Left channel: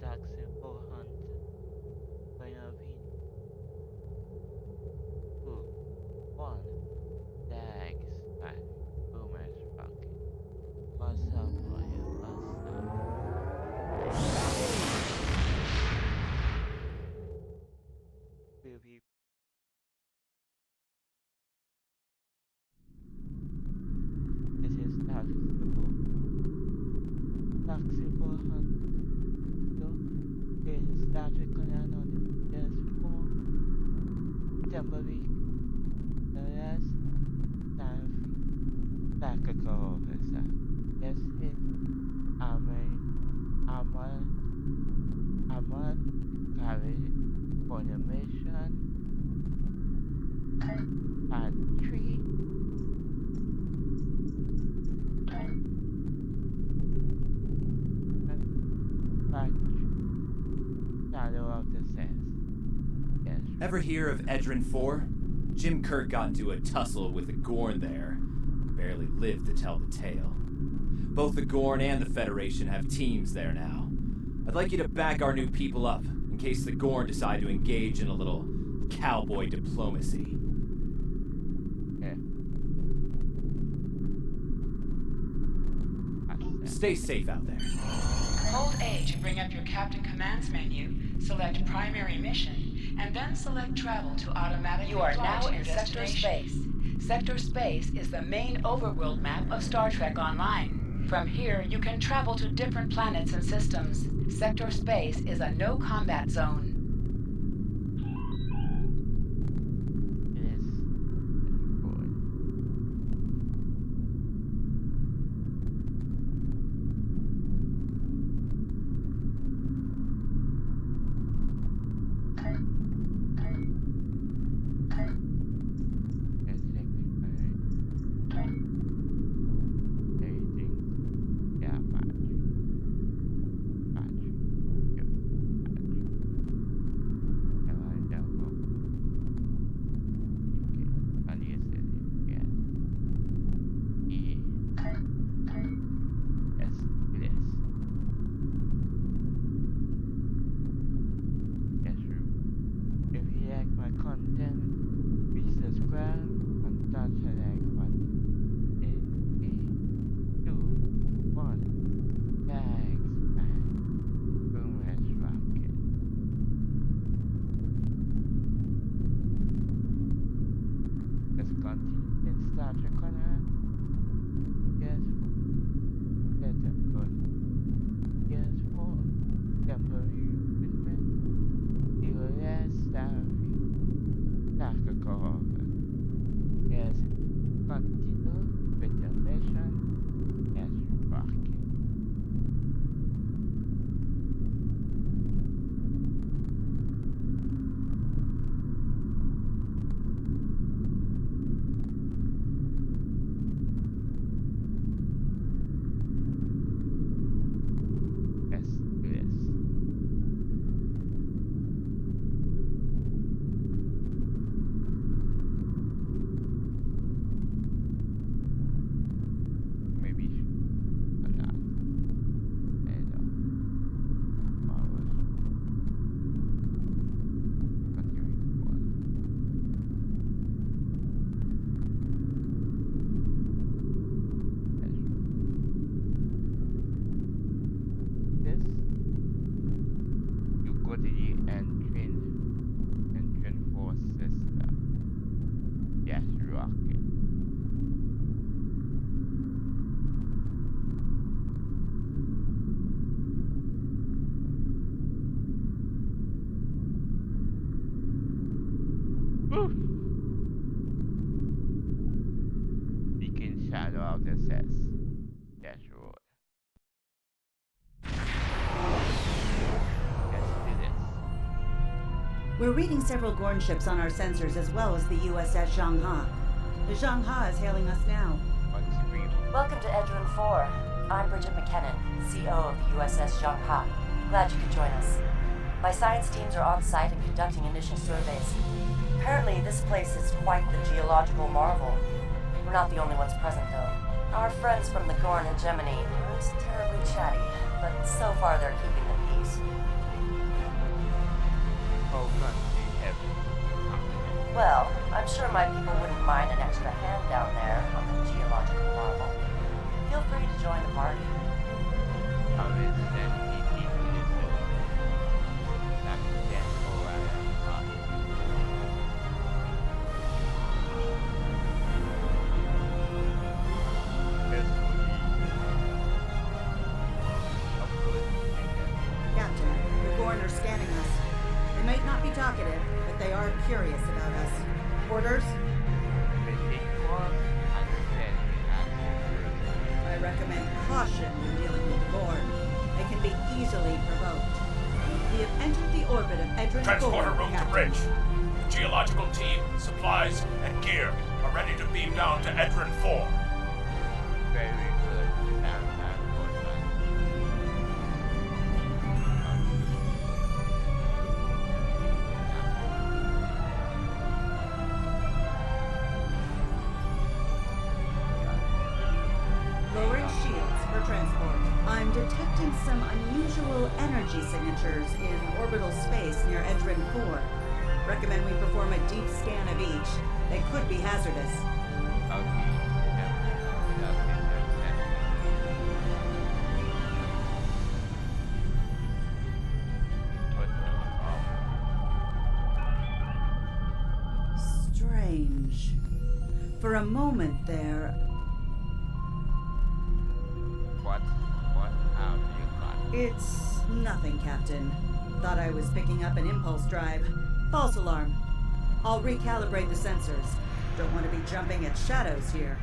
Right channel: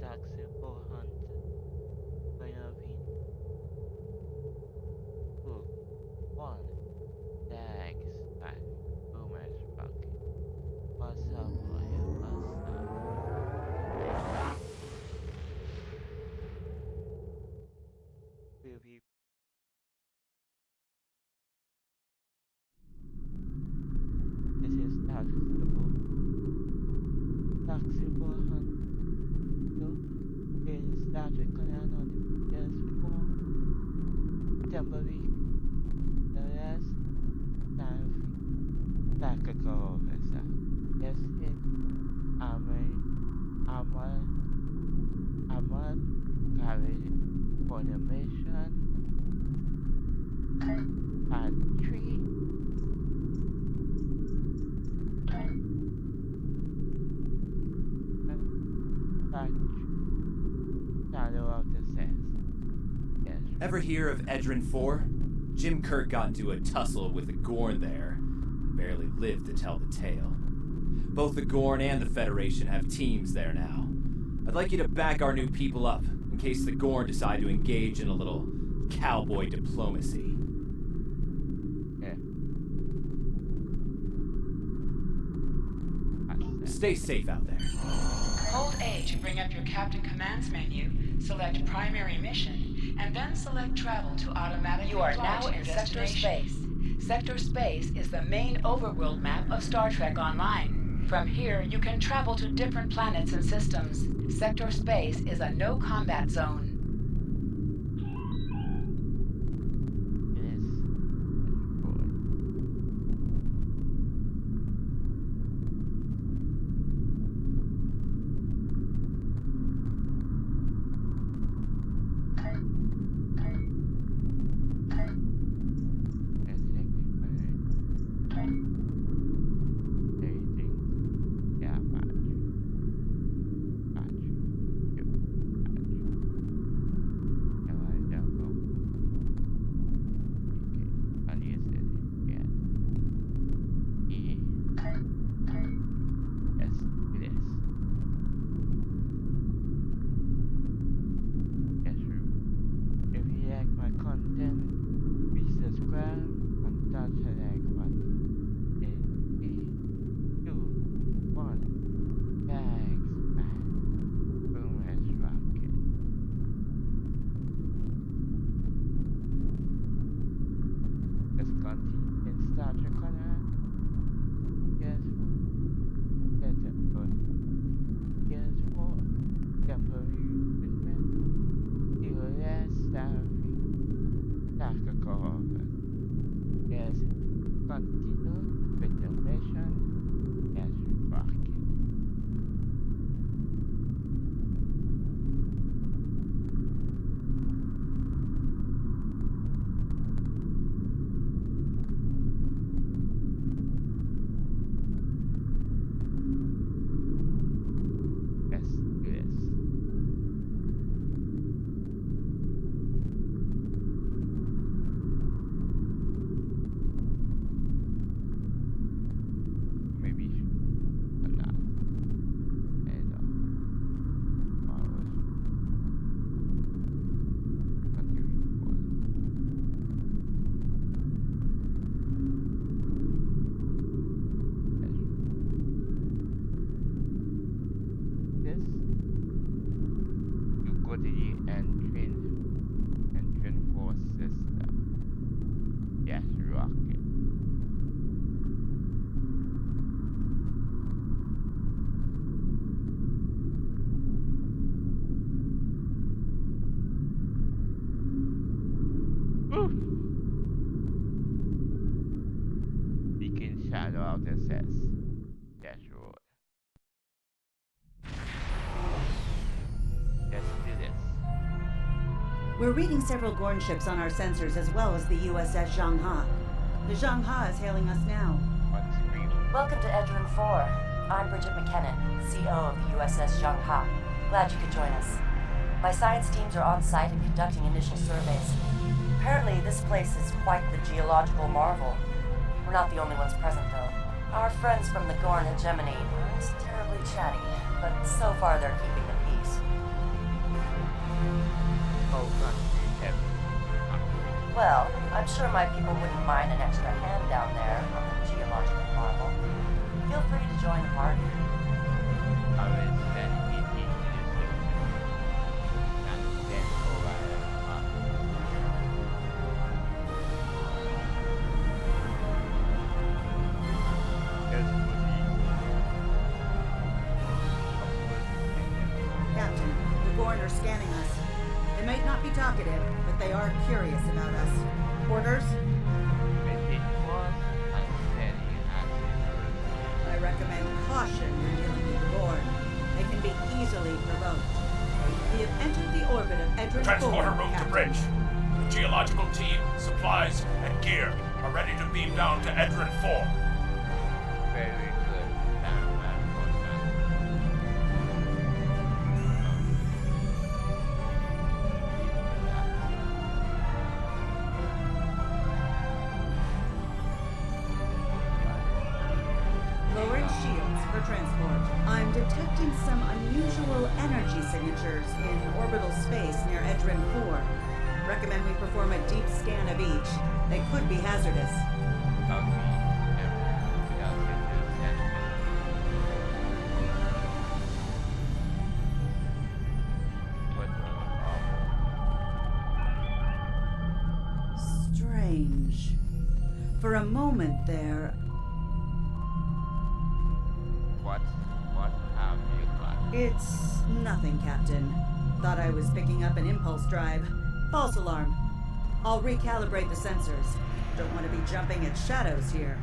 taxable hunt Benavin 2 1 Dags back Boomers Rocket. What's up, boy? What's up? Baby, this is taxable hunt 2 in Star Trek Conan on the ps4 temporary the last time tactical officer. Yes, it Amal Amal carried for the mission part 3 and part Shadow of the Sense. Yes. Ever hear of Edrin 4? Jim Kirk got into a tussle with the Gorn there, and barely lived to tell the tale. Both the Gorn and the Federation have teams there now. I'd like you to back our new people up, in case the Gorn decide to engage in a little cowboy diplomacy. Yeah. Stay safe out there. Hold A to bring up your Captain Commands menu, select Primary Mission, and then select Travel to automatically You are fly now to your in Sector destination. Space. Sector Space is the main overworld map of Star Trek Online. From here, you can travel to different planets and systems. Sector Space is a no-combat zone. It is destroyed. Everything. Yeah, battery. Yep, battery. Am I doubtful? Okay. Yes, it is. Yeah. Yes, it is. Yes, true. If you like my content, please subscribe and touch the like button. In 3, 2, 1, thanks, man. Boomers rocket. Let's continue in Star Trek Conan. PS4. PS4. Temporary recruitment. TOS starfleet. Tactical offer. Yes, continue with the mission. Yes, rocket. Yes, yes. Maybe or not. And marvelous. Continuing on. Yes. This you go to the engine force system. Yes, rocket. Woo! Begin shadow of the sets. Yes, Roy. Let's do this. We're reading several Gorn ships on our sensors as well as the USS Zhangha. The Zhangha is hailing us now. On screen. Welcome to Edrin 4. I'm Bridget McKinnon, CO of the USS Zhangha. Glad you could join us. My science teams are on site and conducting initial surveys. Apparently, this place is quite the geological marvel. We're not the only ones present, though. Our friends from the Gorn hegemony aren't terribly chatty, but so far they're keeping the peace. whole country have Well, I'm sure my people wouldn't mind an extra hand down there on the geological marvel. Feel free to join the party. I will send it into the surface. Not then over and expedition. Of course you can then Captain, the Gorn are scanning us. They might not be talkative, but they are curious about us. Orders? maintain course and standing as you first. I recommend caution when dealing with the Gorn. They can be easily provoked. We have entered the orbit of Edrin Transporter 4, room to Captain. bridge. The geological team, supplies, and gear are ready to beam down to Edrin 4. Very good. Stand by for that. You will not. Got it. Lowering shields for transport. I'm detecting some unusual energy signatures in orbital space near Edrin 4. Recommend we perform a deep scan of each. They could be hazardous. I'll be them without sender sentiment. What Strange. For a moment there, what have you got? it's nothing, Captain. Thought I was picking up an impulse drive. False alarm. I'll recalibrate the sensors. Don't want to be jumping at shadows here.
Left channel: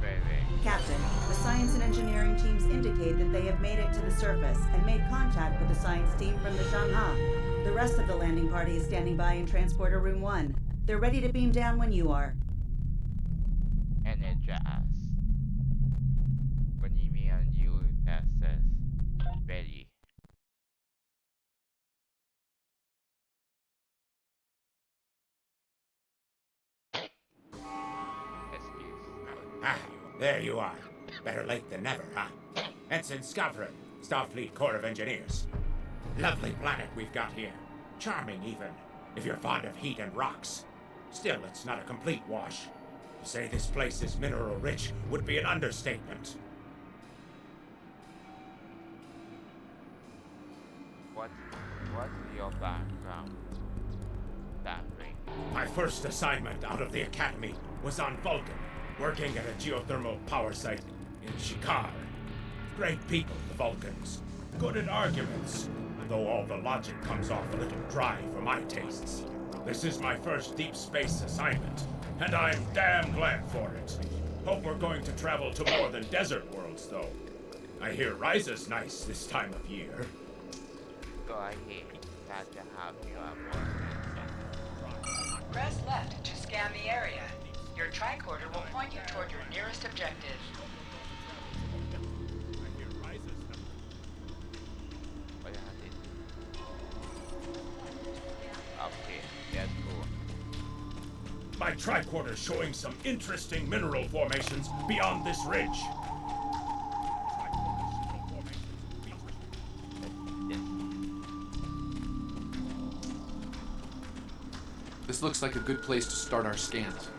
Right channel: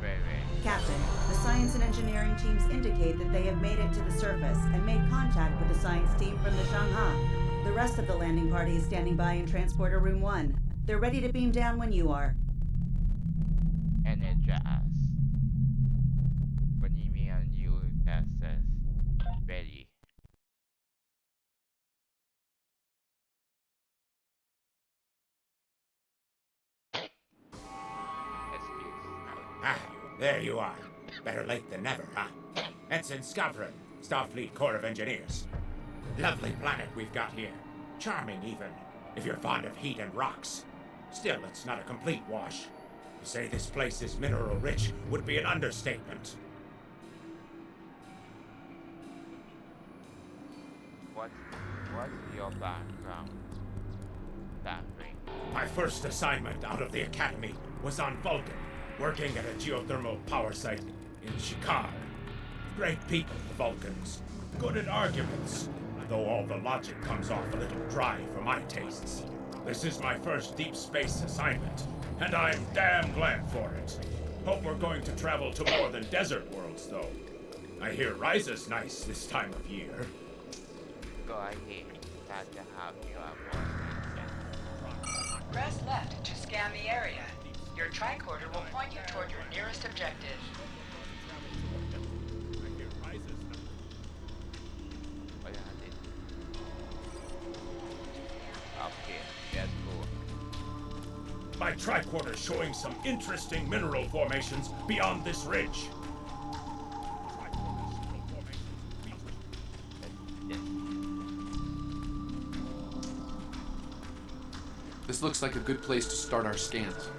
Very. Captain, the science and engineering teams indicate that they have made it to the surface and made contact with the science team from the Shanghai. The rest of the landing party is standing by in Transporter Room 1. They're ready to beam down when you are. Energize. When you mean you access. Ready. Excuse. Ah, there you are. Better late than never, huh? Ensign Skavron, Starfleet Corps of Engineers. Lovely planet we've got here. Charming, even, if you're fond of heat and rocks. Still, it's not a complete wash. To say this place is mineral rich would be an understatement. What's your background? Starfleet. My first assignment out of the Academy was on Vulcan, working at a geothermal power site in Shikar. Great people, the Vulcans. Good at arguments, though all the logic comes off a little dry for my tastes. This is my first deep space assignment, and I'm damn glad for it. Hope we're going to travel to more than desert worlds, though. I hear Riza's nice this time of year. Go ahead. Glad to have you on board. Press left to scan the area. Your tricorder will point you toward your nearest objective. What I did. Okay, that's cool. My tricorder's showing some interesting mineral formations beyond this ridge. Yes. This looks like a good place to start our scans.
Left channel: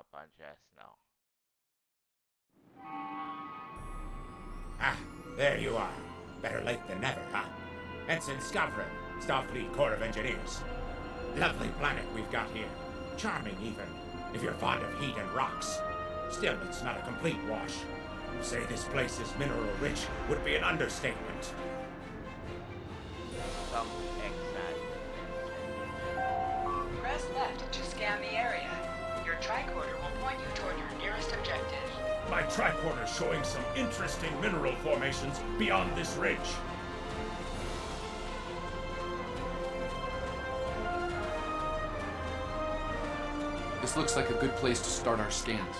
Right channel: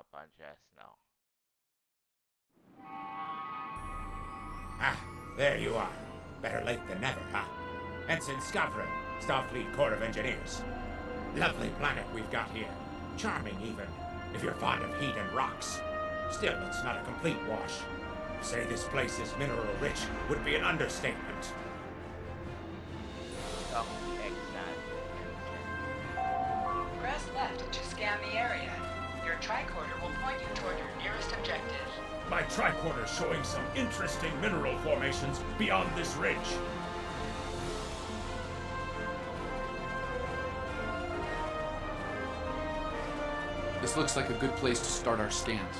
map address now. Ah, there you are. Better late than never, huh? Ensign Skavron, Starfleet Corps of Engineers. Lovely planet we've got here. Charming, even, if you're fond of heat and rocks. Still, it's not a complete wash. To say this place is mineral-rich would be an understatement. Dock excited and Press left to scan the area. Your tricorder will point you toward your nearest objective. My tricorder's showing some interesting mineral formations beyond this ridge. This looks like a good place to start our scans.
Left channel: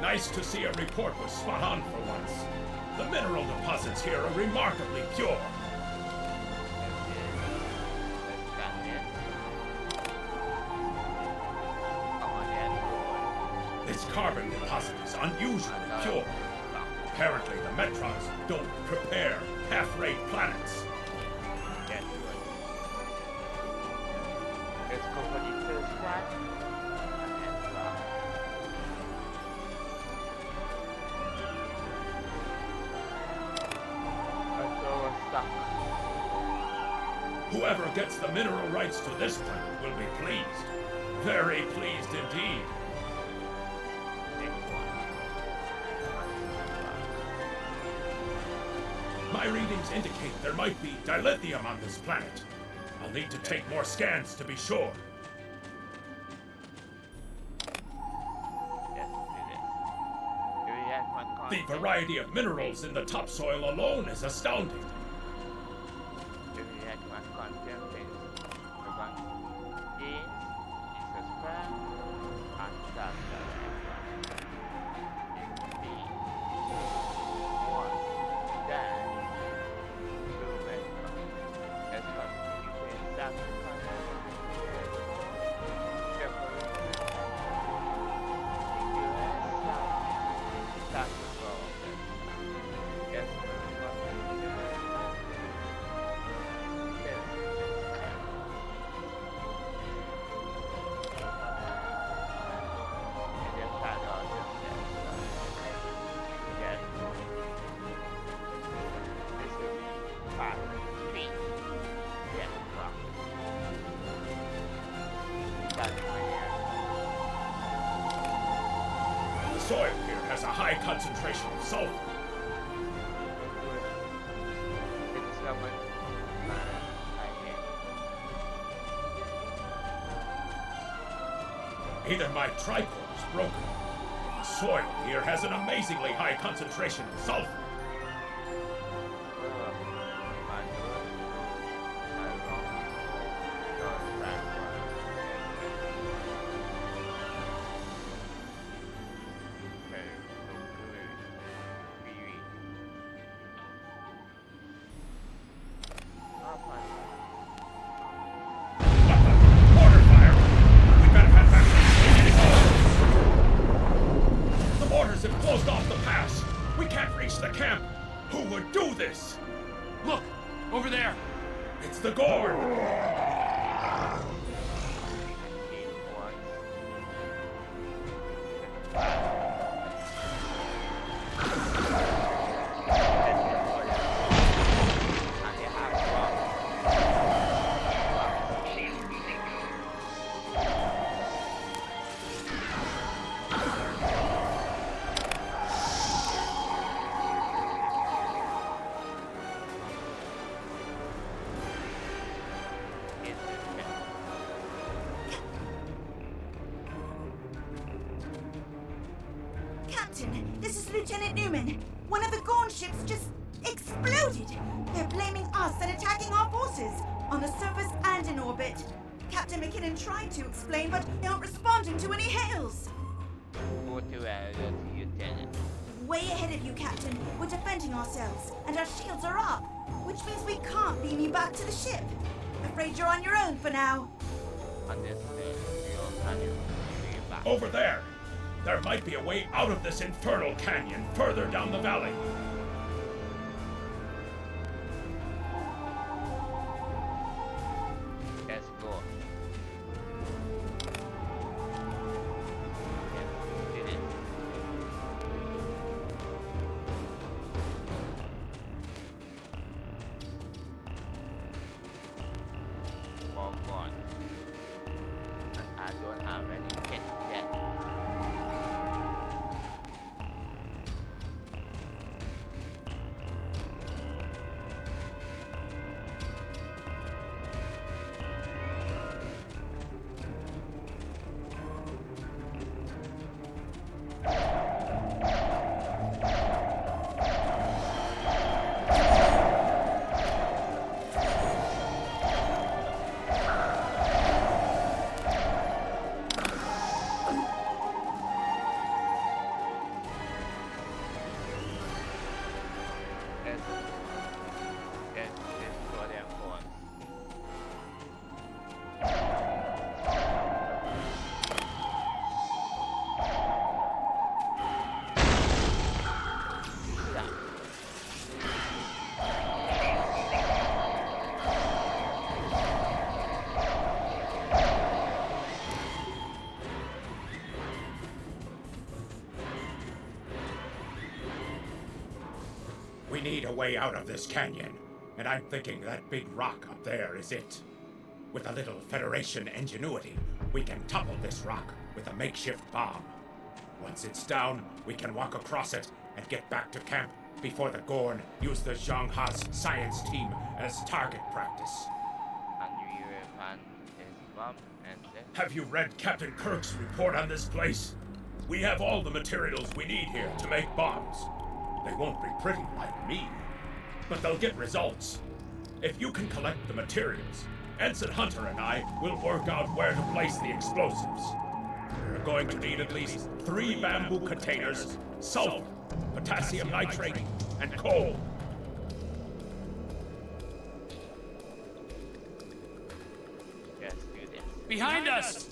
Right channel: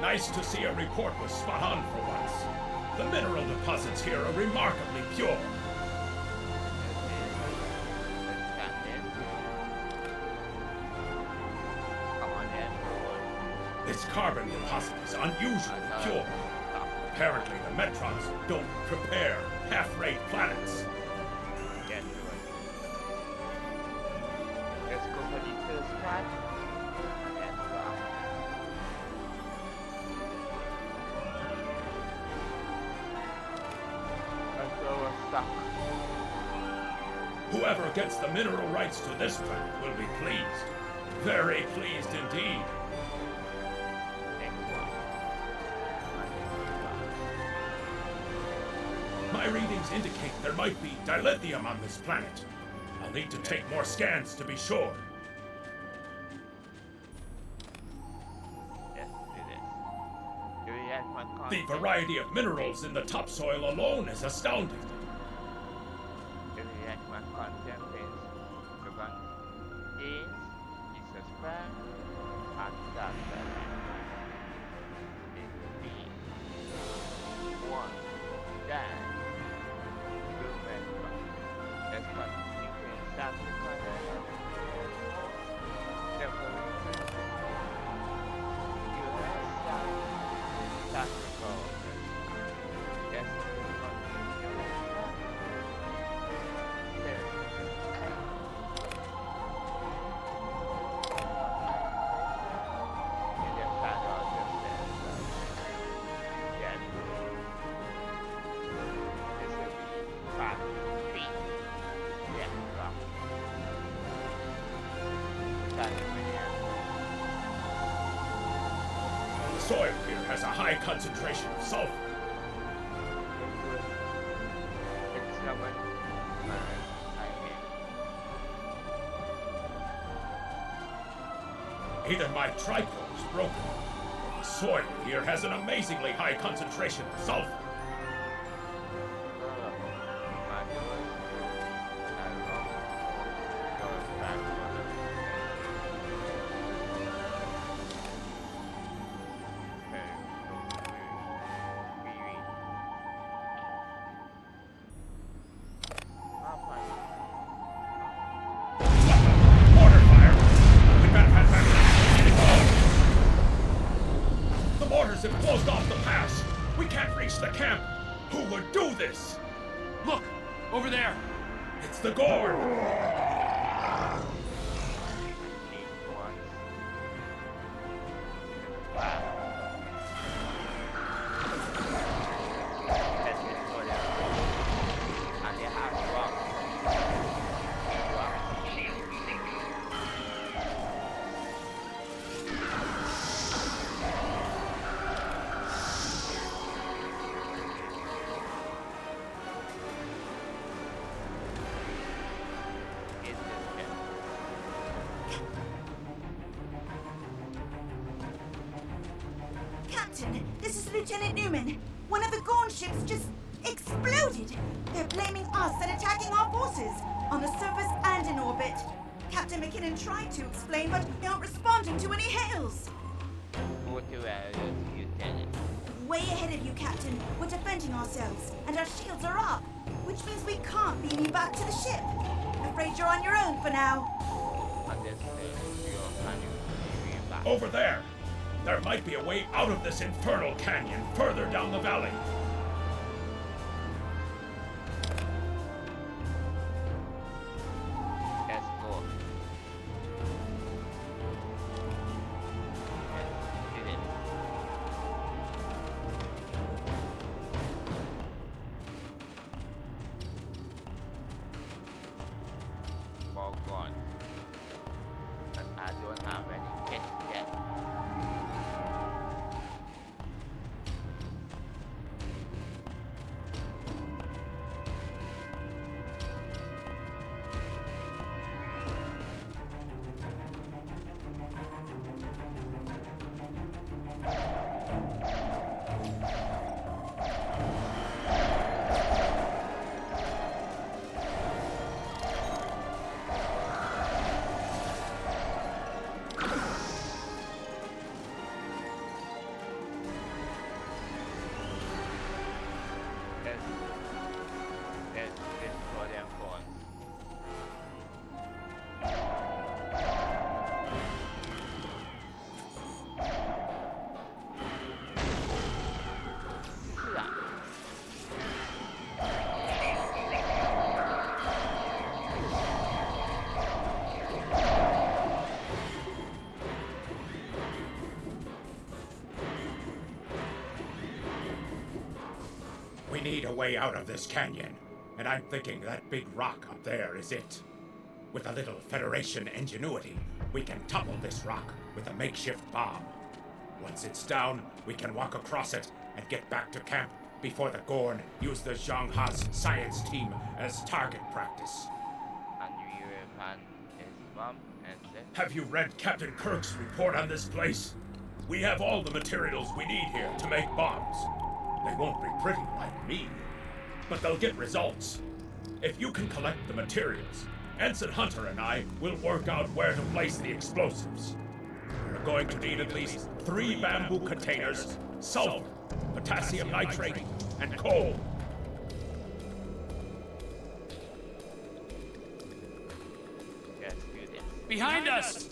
Nice to see a report was spot on for once. The mineral deposits here are remarkably pure. This carbon deposit is unusually pure. Apparently, the Metrons don't prepare half-rate planets. Get to it. Let's go for the first scan and then drop. Until we're stuck. Whoever gets the mineral rights to this planet will be pleased. Very pleased indeed. Next one. My readings indicate there might be dilithium on this planet. I'll need to take more scans to be sure. Let's do this. Do we have one The content? variety of minerals in the topsoil alone is astounding. Do we have one content is the one is subscribe and start the next one. In 3, 1, then recruitment content. Let's continue to insert the content of the ps4 temporal recruitment. US start the call of the staff. Let's continue to insert this. In the shadow of your sense. Yes. This will be part 3. Yes, rock. Starting with here. The soil here has a high concentration of sulfur. Examine I am. Either my tricorder is broken, or the soil here has an amazingly high concentration of sulfur. Manuals to along for your background Mortar fire! We better head back. The mortars have closed off the pass. We can't reach the camp. Who would do this? Look! Over there! It's the Gorn! Captain, this is Lieutenant Newman. One of the Gorn ships just exploded. They're blaming us and attacking our forces on the surface and in orbit. Captain McKinnon tried to explain, but they aren't responding to any hails. Lieutenant. way ahead of you, Captain. We're defending ourselves, and our shields are up, which means we can't beam you back to the ship. Afraid you're on your own for now. Understood. Your planning will be back. Over there! There might be a way out of this infernal canyon further down the valley. Let's go. Yes, did it. All gone. And I don't have any pets yet. Let's destroy them first. Yeah. We need a way out of this canyon, and I'm thinking that big rock up there is it. With a little Federation ingenuity, we can topple this rock with a makeshift bomb. Once it's down, we can walk across it and get back to camp before the Gorn use the Zhang Ha's science team as target practice. And we will find his mom and then Have you read Captain Kirk's report on this place? We have all the materials we need here to make bombs. They won't be pretty like me, but they'll get results. If you can collect the materials, Ensign Hunter and I will work out where to place the explosives. We're going to need at least 3 bamboo containers, sulfur, potassium nitrate, and coal. let's do this. Behind us!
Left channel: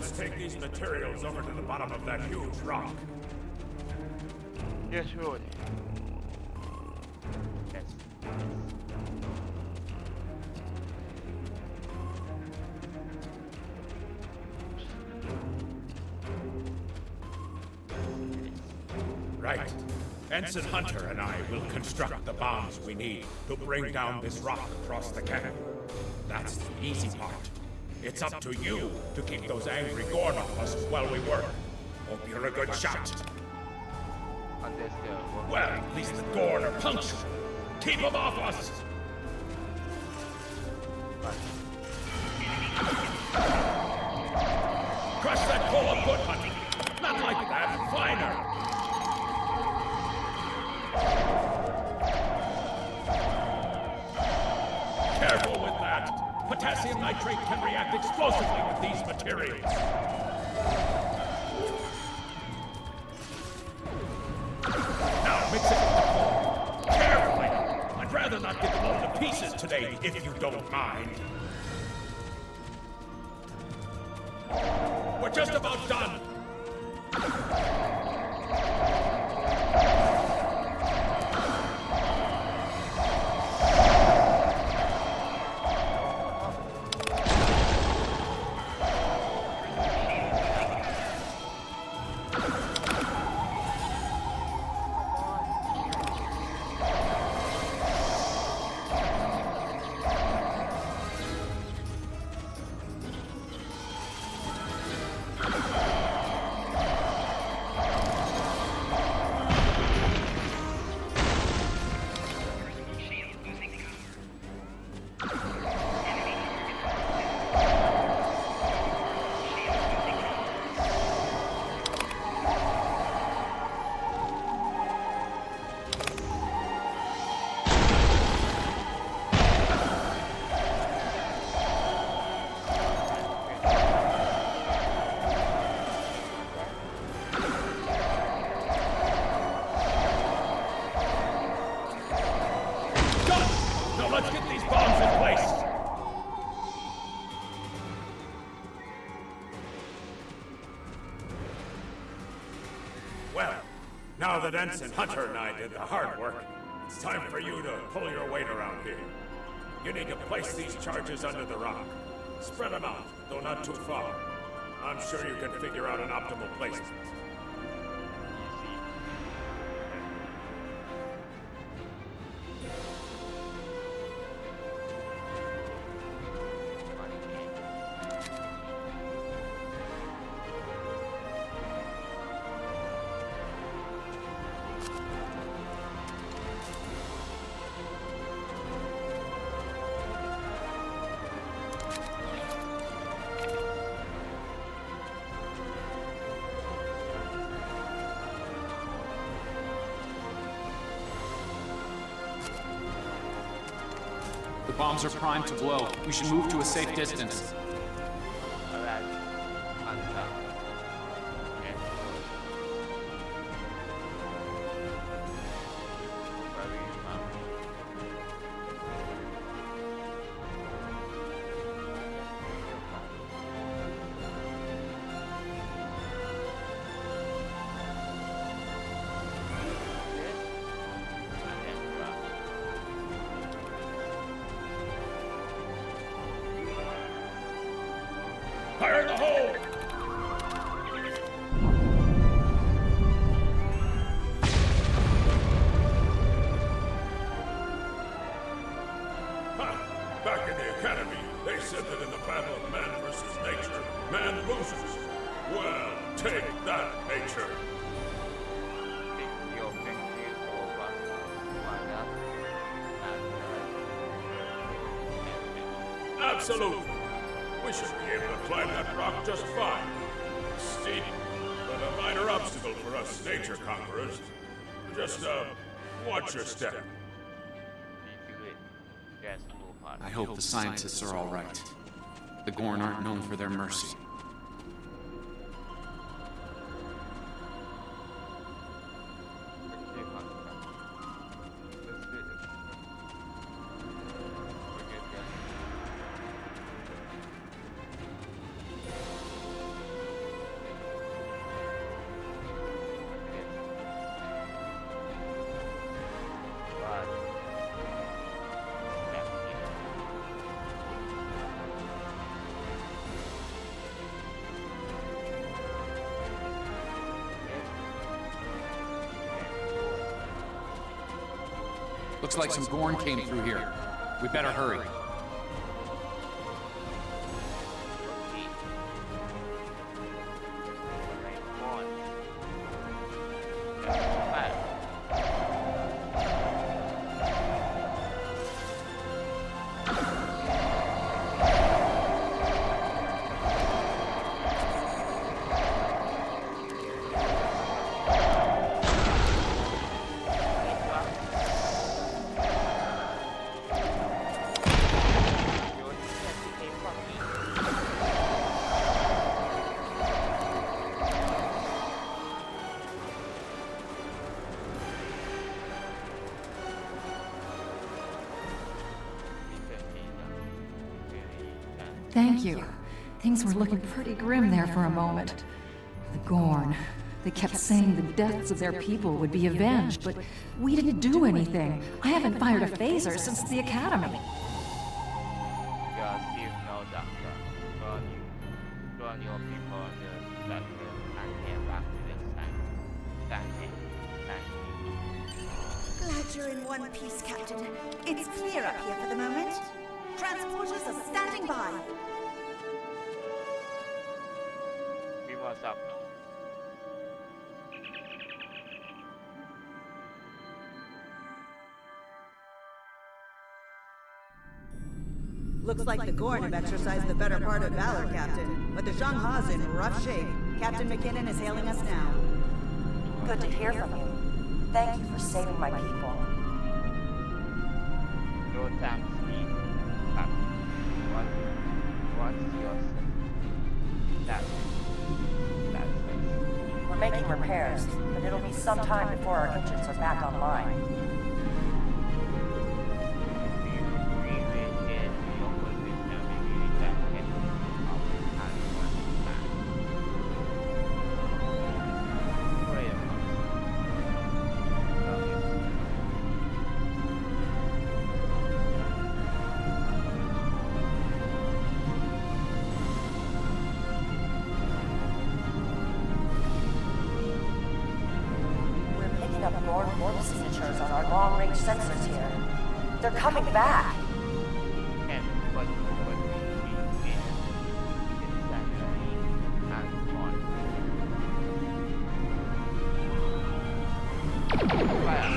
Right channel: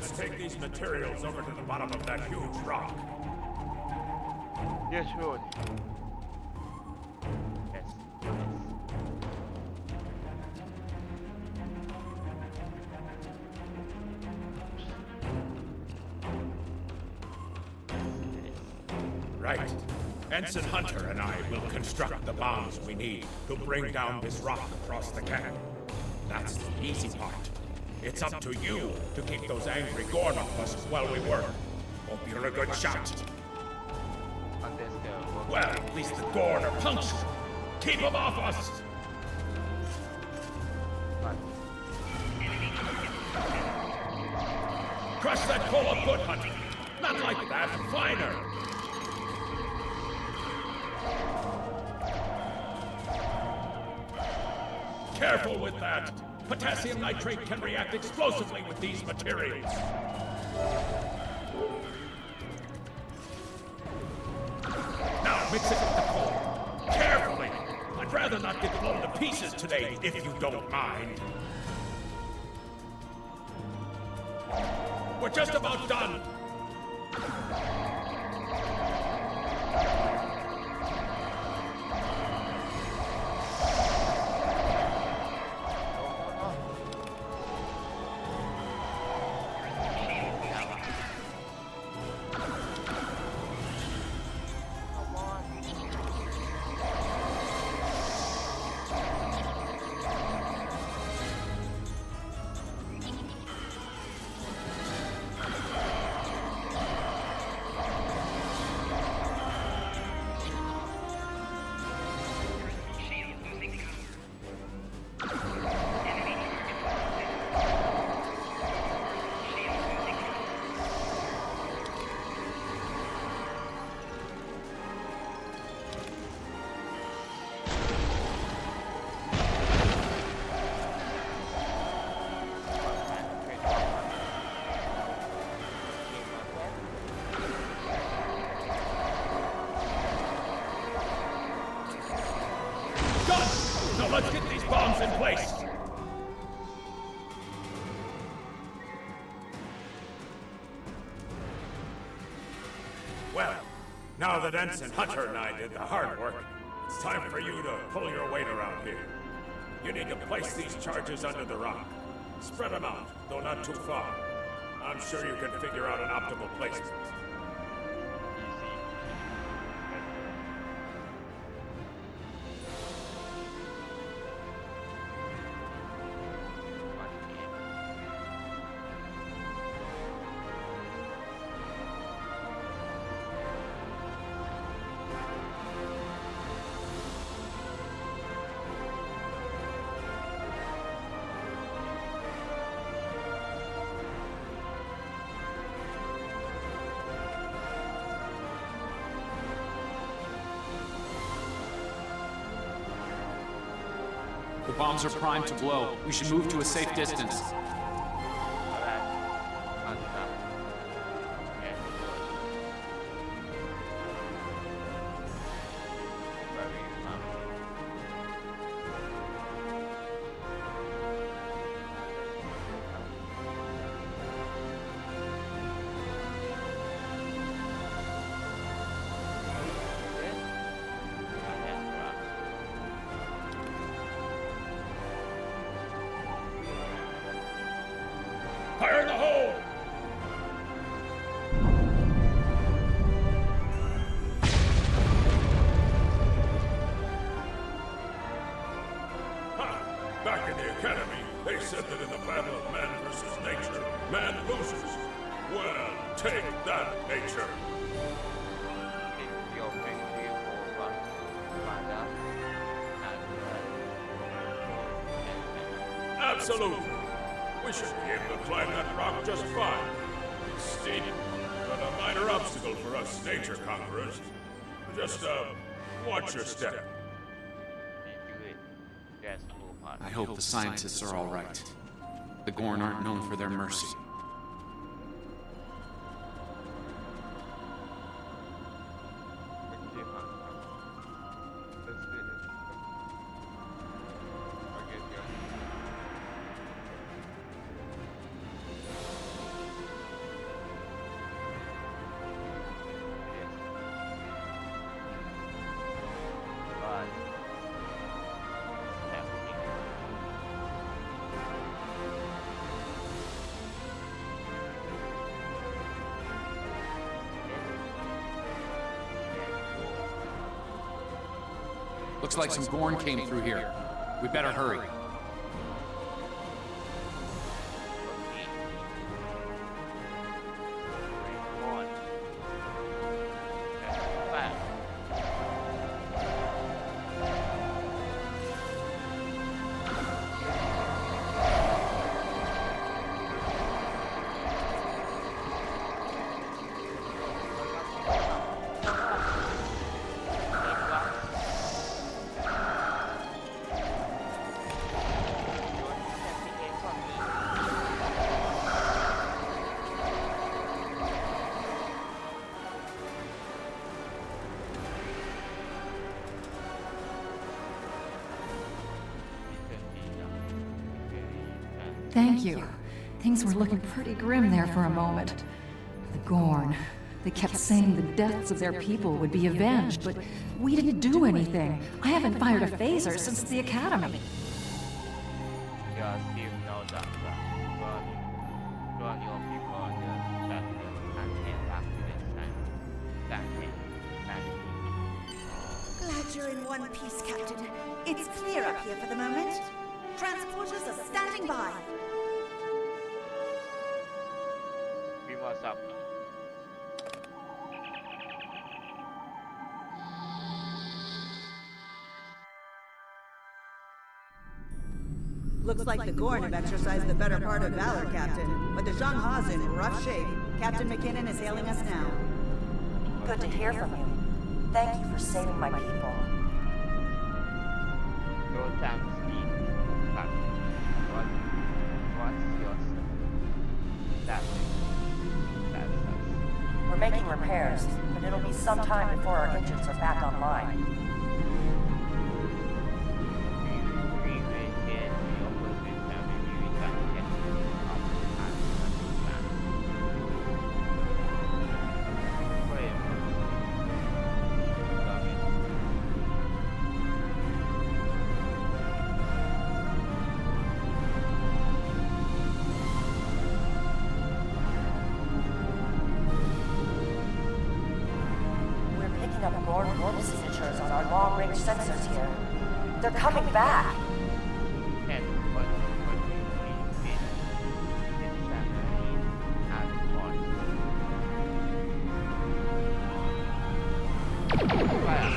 Let's take these materials over to the bottom of that huge rock. Yes, Lord. Yes, yes. Right. Ensign Hunter and I will construct the bombs we need to bring down this rock across the canyon. That's the easy part. It's up to you to keep those angry Gorn off us while we work. Hope you're a good shot. Understood. Well, at least the Gorn are punctual. Keep them off us! Crush that pole of foot, Hunter! Not like that, finer! Careful with that! Potassium nitrate can react explosively with these materials. Now mix it with the coal. Carefully! I'd rather not get blown to pieces today, if you don't mind. We're just about done! Let's get these bombs in place! Well, now that Ensign Hunter and I did the hard work, it's time for you to pull your weight around here. You need to place these charges under the rock. Spread them out, though not too far. I'm sure you can figure out an optimal placement. The bombs are primed to blow. We should move to a safe distance. Alright. Answer. Yes, Lord. Where you from? Yes? Fire in the hole! Back in the Academy, they said that in the battle of man versus nature, man loses. Well, take that, nature. Think your victory over. Father. And Absolutely. We should be able to climb that rock just fine. It's steep, but a minor obstacle for us nature conquerors. Just, watch your step. Yes, I hope the scientists are all right. The Gorn aren't known for their mercy. Looks like some Gorn came through here. We better hurry. Okay. Rank 1. Fire. Thank you. Things were looking pretty grim there for a moment. The Gorn. They kept saying the deaths of their people would be avenged, but we didn't do anything. I haven't fired a phaser since the Academy. You are still no doctor. Join your people on the spectrum and head back to the sun. Glad you're in one piece, Captain. It's clear up here for the moment. Transporters are standing by. We must up. Looks like the Gorn have exercised the better part of valor, Captain. But the Shangha's in rough shape. Captain McKinnon is hailing us now. Good to hear from you. Thank you for saving my people. No time to speak. Captain. What's your That's us. We're making repairs, but it'll be some time before our engines are back online. We will get to your position. Maybe we can get you up and running back. Wait a minute. Come here. Picking up Gorn warp signatures on our long-range sensors here. They're coming back! And what we see is insanity and fun. Fire!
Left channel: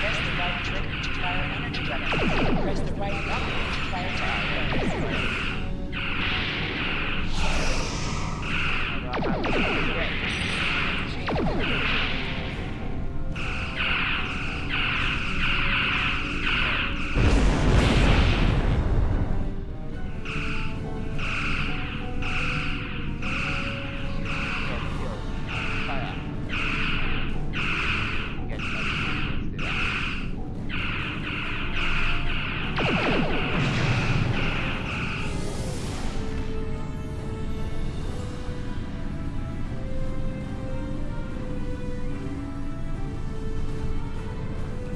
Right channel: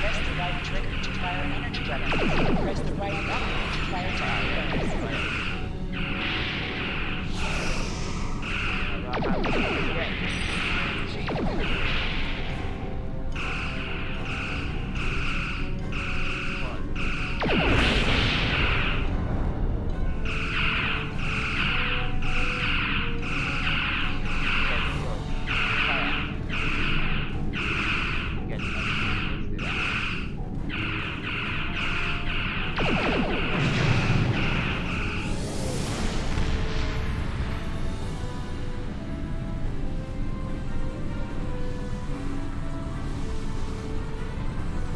Press the right trigger to fire an energy weapon. Press the right button to fire a weapon.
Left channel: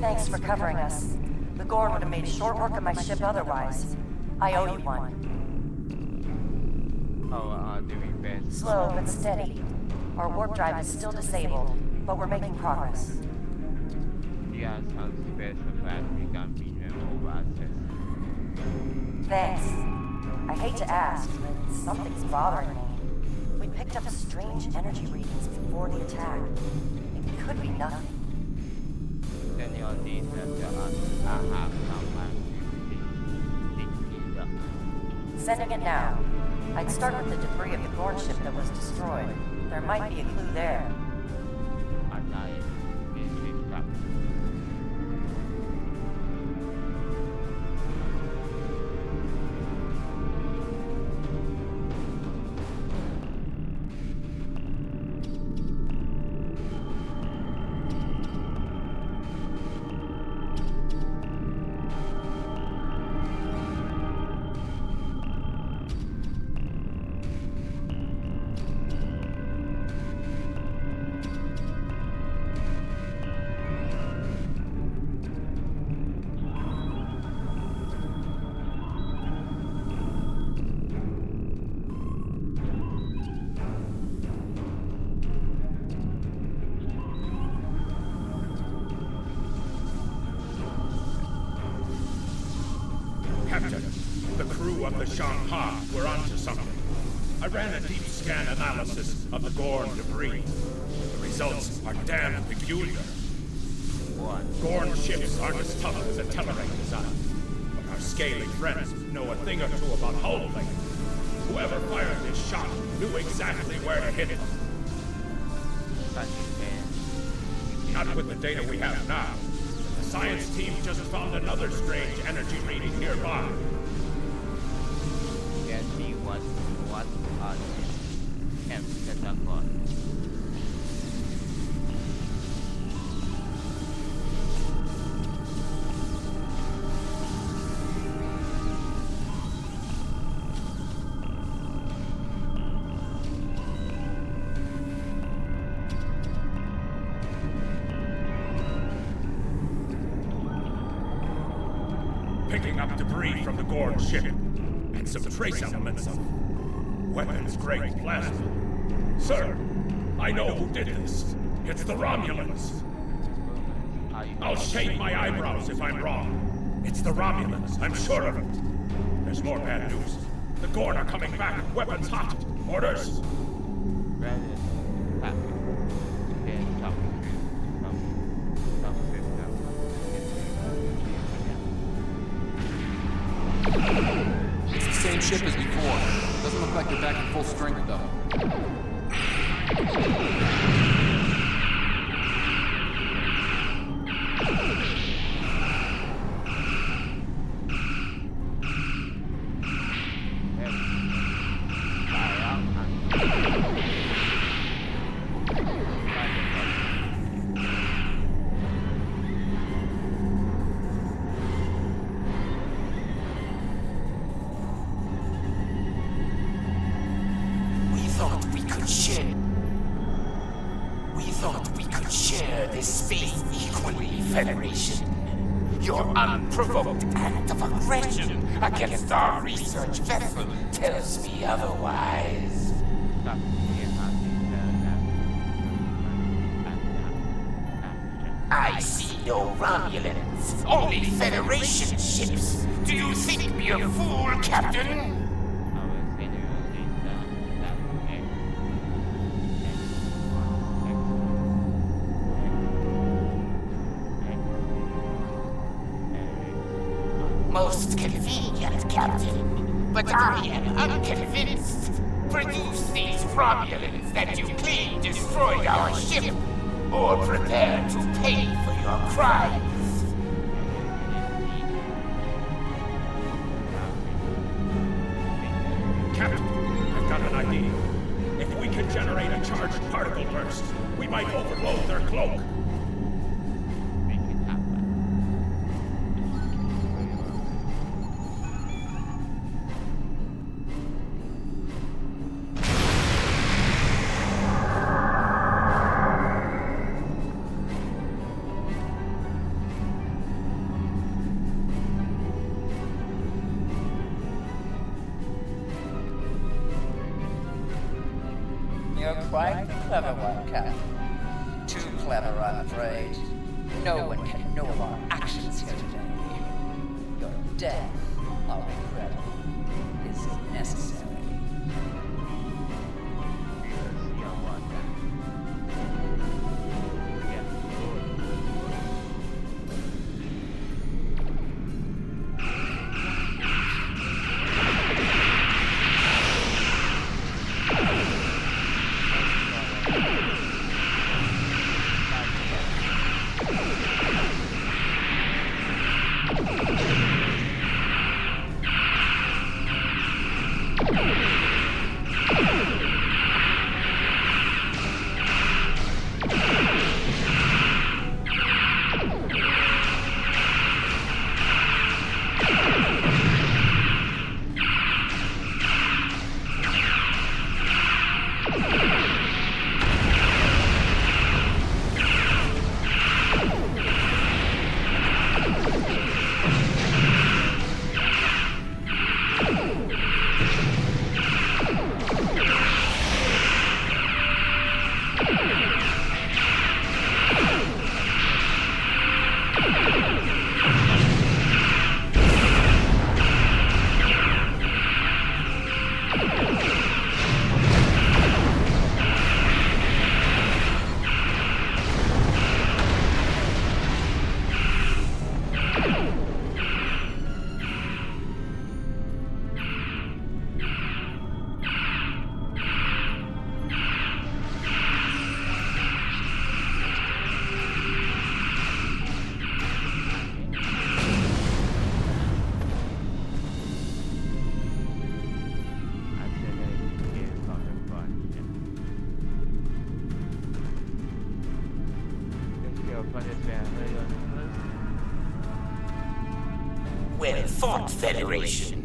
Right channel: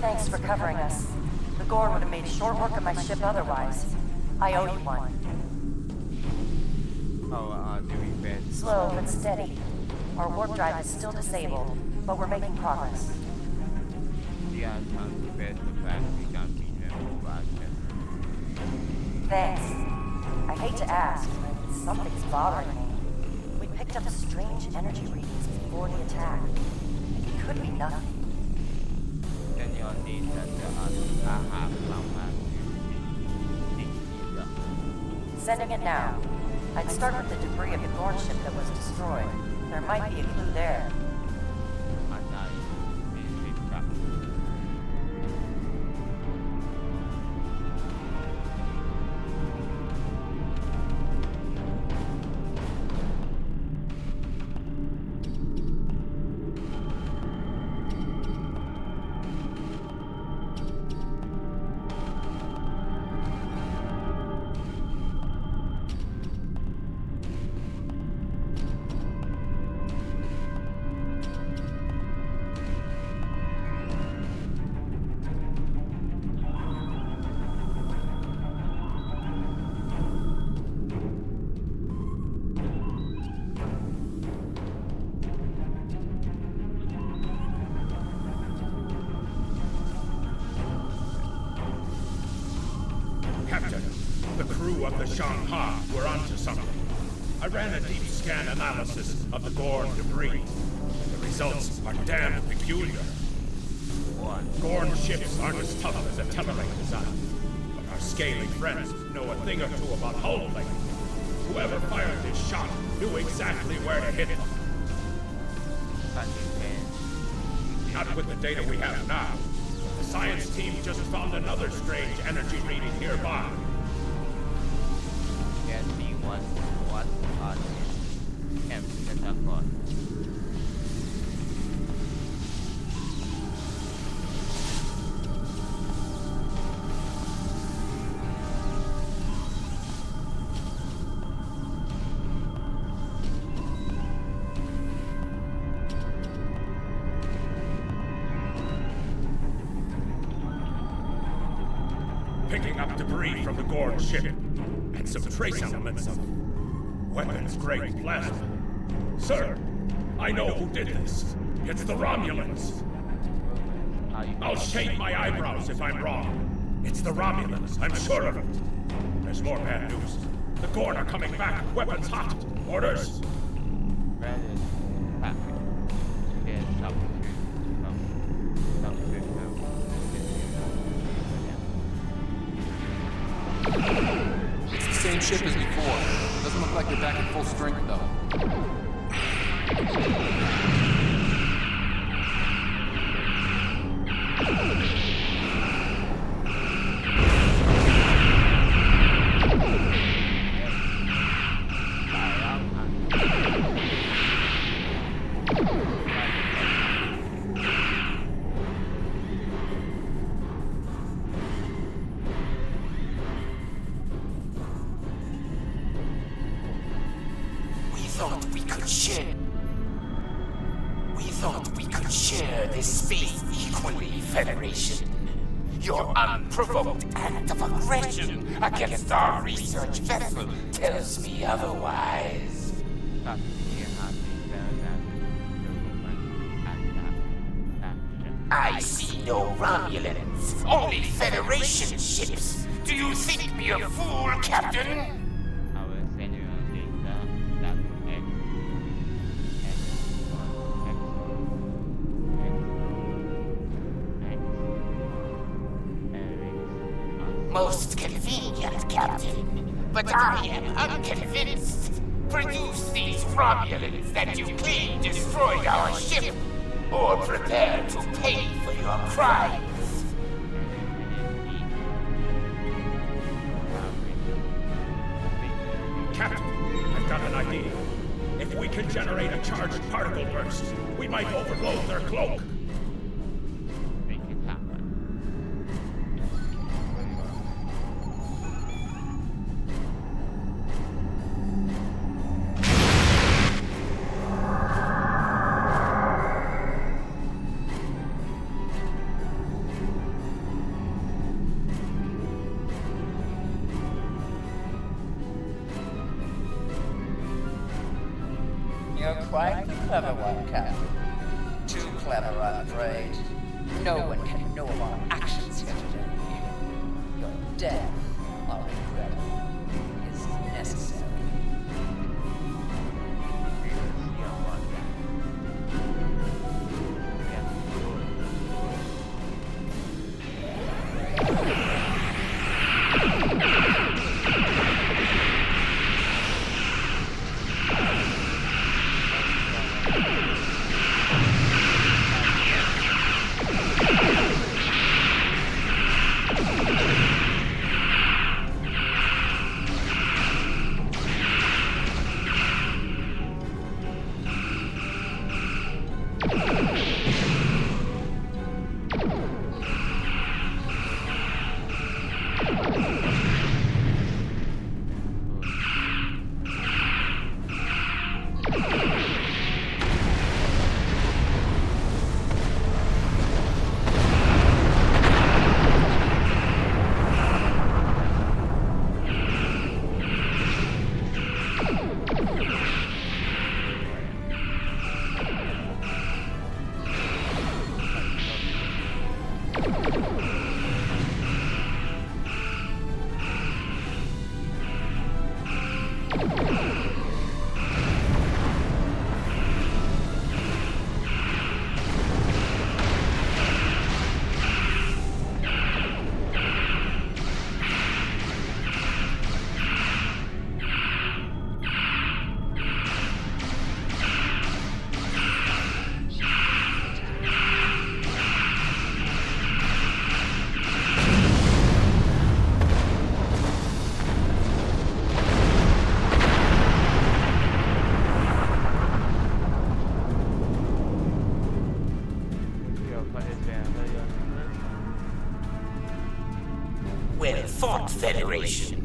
Thanks for covering us. The Gorn would have made short work of my ship otherwise. I owe you one. Do we best? Slow but steady. Our warp drive is still disabled, but we're making progress. We are trying to best the fact we can beat them over access. Thanks. I hate to ask, but something's bothering me. We picked up strange energy readings before the attack. It could be nothing. Then you'll need that I have someone to dig it up. Sending it now. I'd start with the debris of the Gorn ship that was destroyed. There might be a clue there. And I will pick up. crew of the Shanghai were onto something. I ran a deep scan analysis of the Gorn debris. The results are damn peculiar. Gorn ships aren't as tough as a Tellarite design, but our scaly friends know a thing or two about hull plating. Whoever fired this shot knew exactly where to hit them. Not with the data we have now, but the science team just found another strange energy reading nearby. Can see what on it. Have Picking up debris from the Gorn ship, and some trace elements of weapons-grade plasma. Sir, I know who did this. It's the Romulans. I'll shave my eyebrows if I'm wrong. It's the Romulans, I'm sure of it. There's more bad news. The Gorn are coming back, weapons hot. Orders? rather packet. There's some system. It's the same ship as before. Doesn't look like they're back at full strength, though. We could share this space equally, Federation. Your unprovoked act of aggression against our research vessel tells me otherwise. I see no Romulans, only Federation ships. Do you think me a fool, Captain? Most convenient, Captain. But I am unconvinced. Produce these Romulans that you claim destroyed our ship, or prepare to pay for your crimes. Captain, I've got an idea. If we can generate a charged particle burst, we might overload their cloak. You're quite the clever one, Captain. Too clever, I'm afraid. No one can know of our actions here today. Your death, our regrettable, is necessary. What is your first? Well fought, Federation.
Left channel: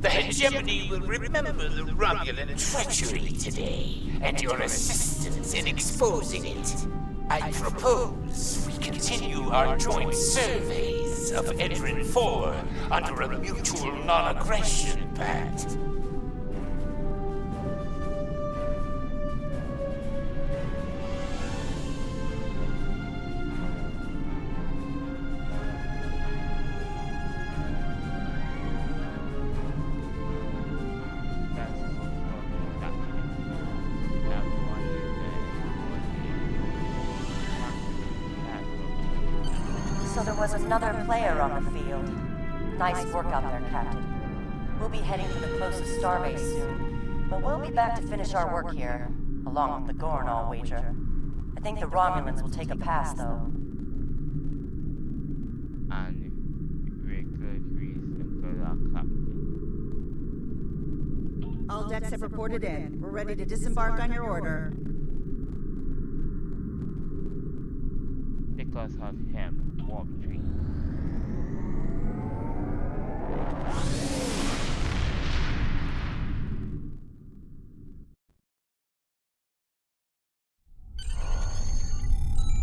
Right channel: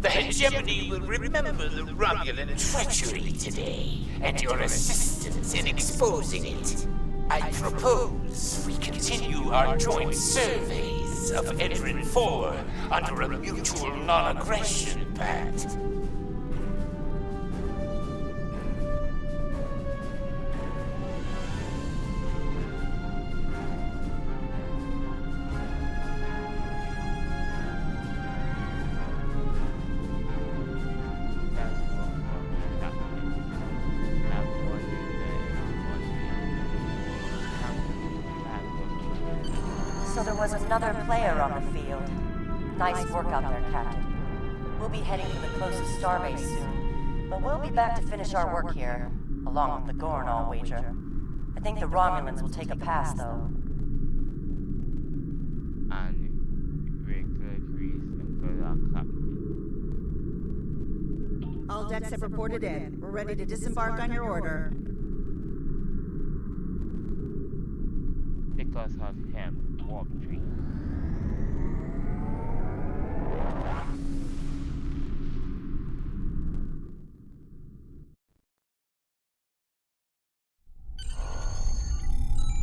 The hegemony will remember the Romulan treachery today, and your assistance in exposing it. I propose we continue our joint surveys of Edrin 4 under a mutual non-aggression pact. That's what for me, Captain. That one is So there was another player on the field. Nice work out there, Captain. We'll be heading to the closest starbase soon, but we'll be back to finish our work here, along with the Gorn, I'll wager. I think the Romulans will take a pass, though. And very good reason, good luck, Captain. All decks have reported in. We're ready to disembark on your order. Because of him, warp tree.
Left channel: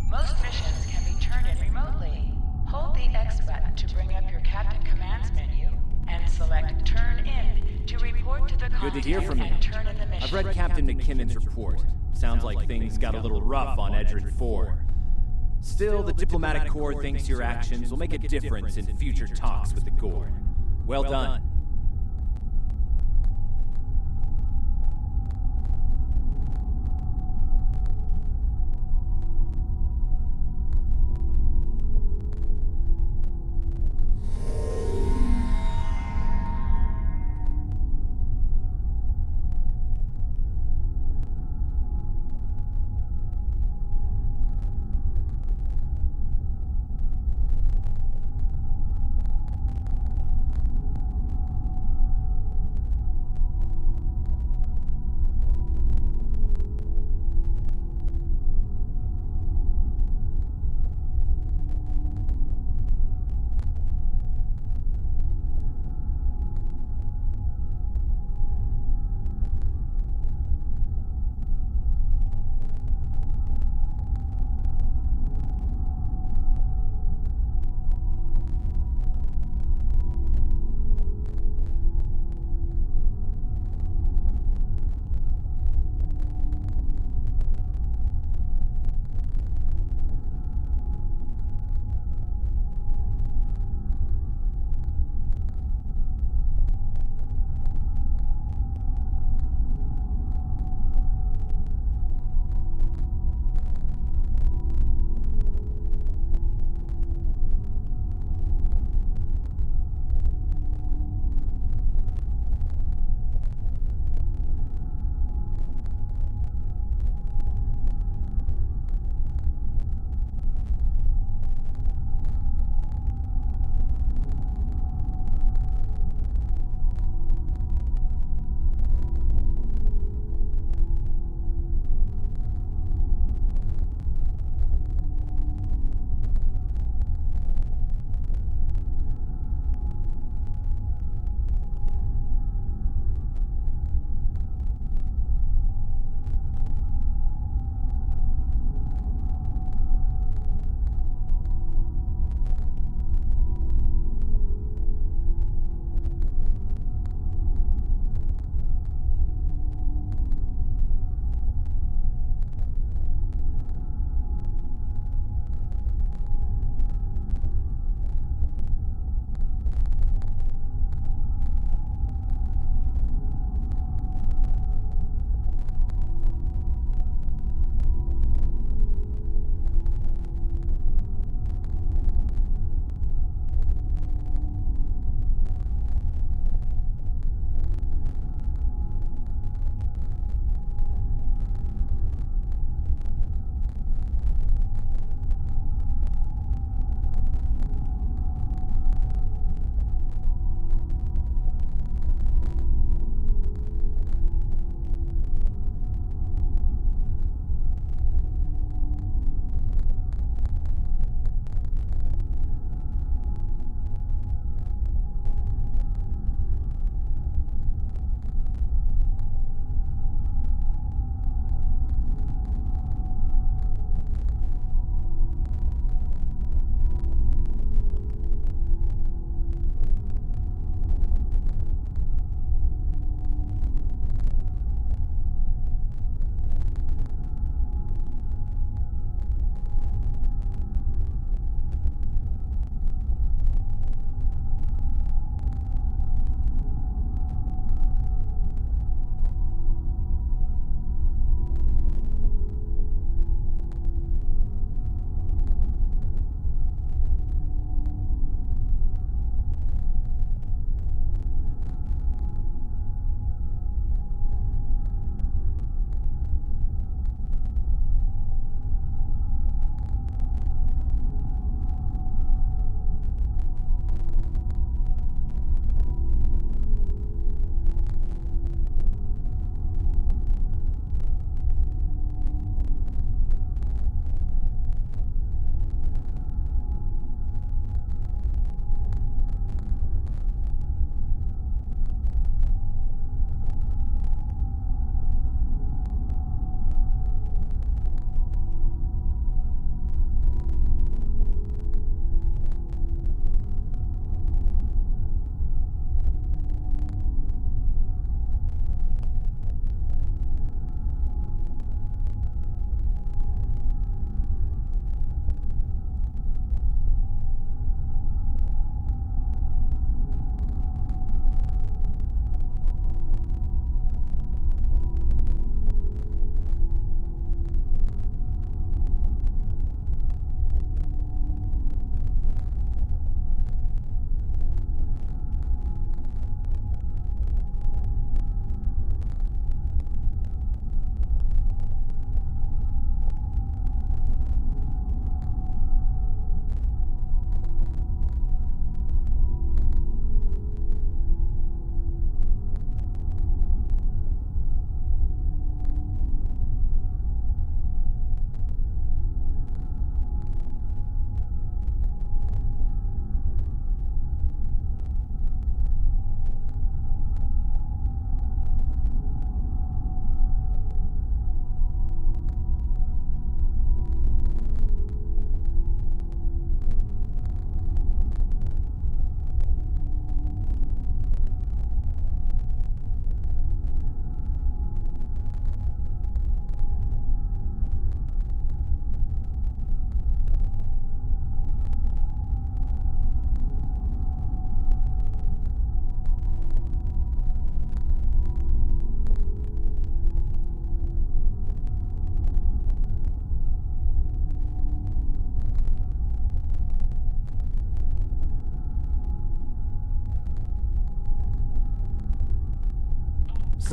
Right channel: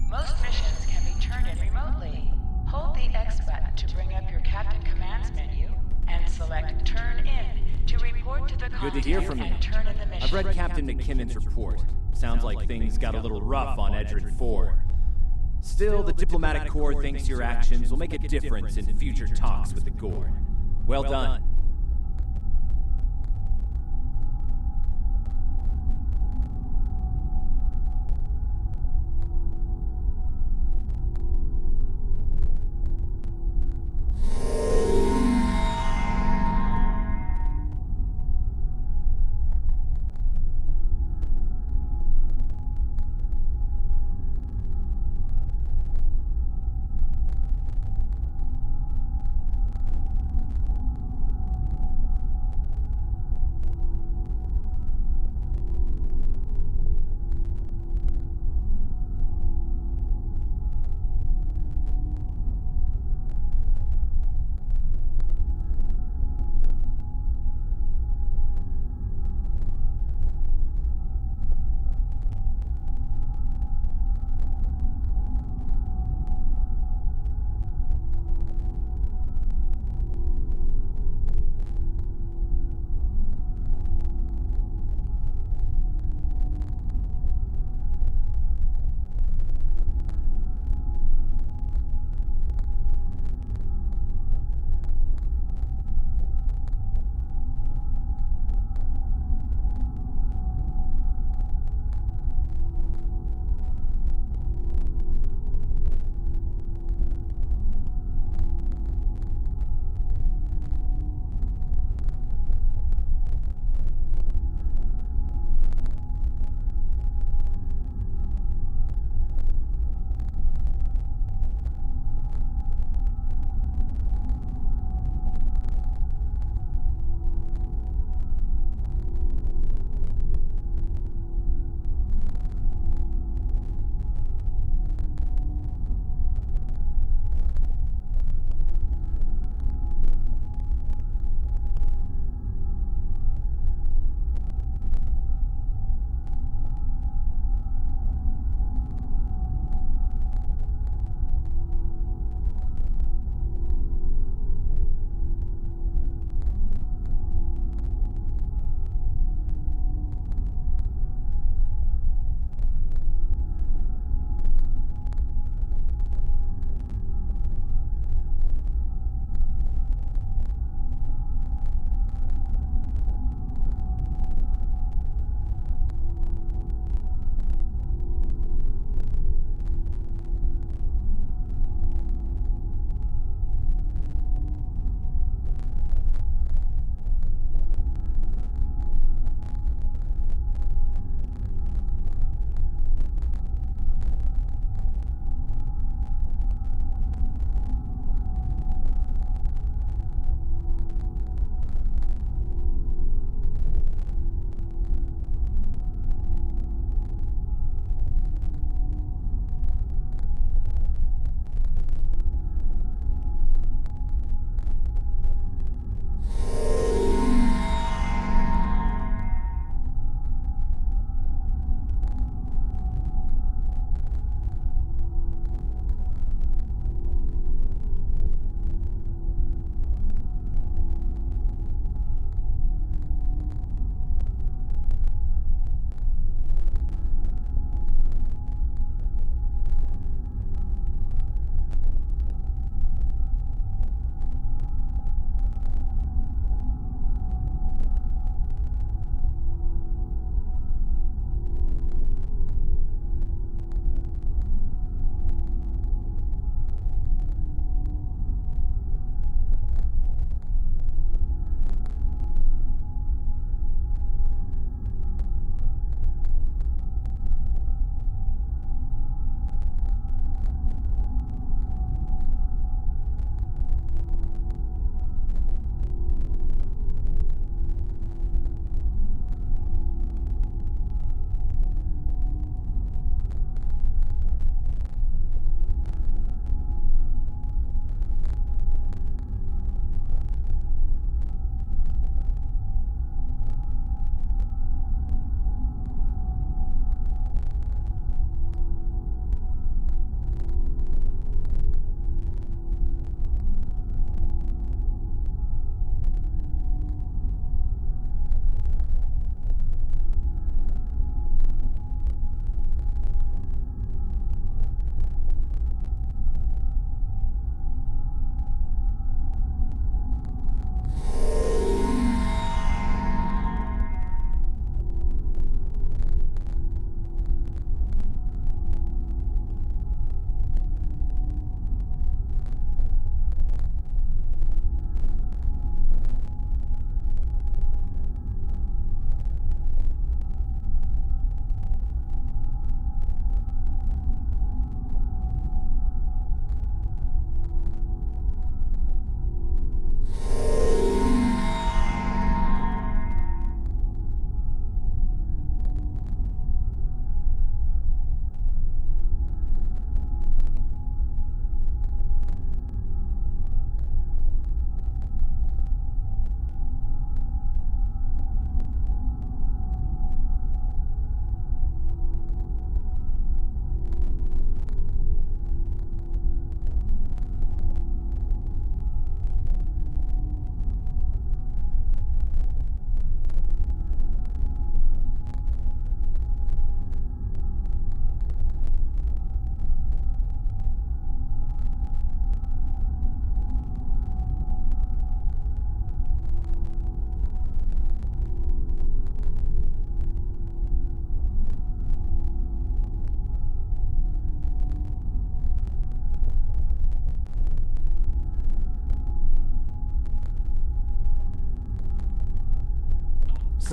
Most missions can be turned in remotely. Hold the X button to bring up your Captain Commands menu, and select Turn In to report to the Good to hear from you. and turn in the mission. I've read Captain McKinnon's report. Sounds like things got a little rough on Edrin 4. Still, the diplomatic corps thinks your actions will make a difference in future talks with the Gorn. Well done.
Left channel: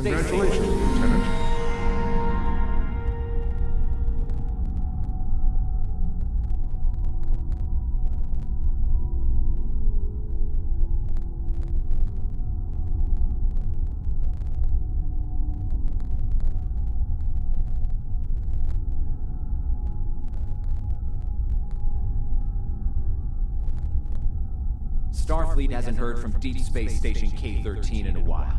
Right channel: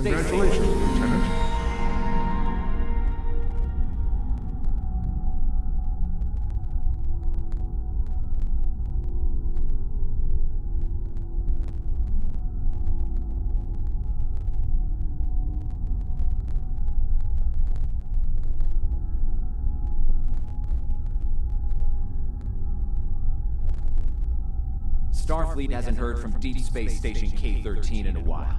Congratulations, Lieutenant. Starfleet hasn't heard from Deep Space Station K-13 in a while.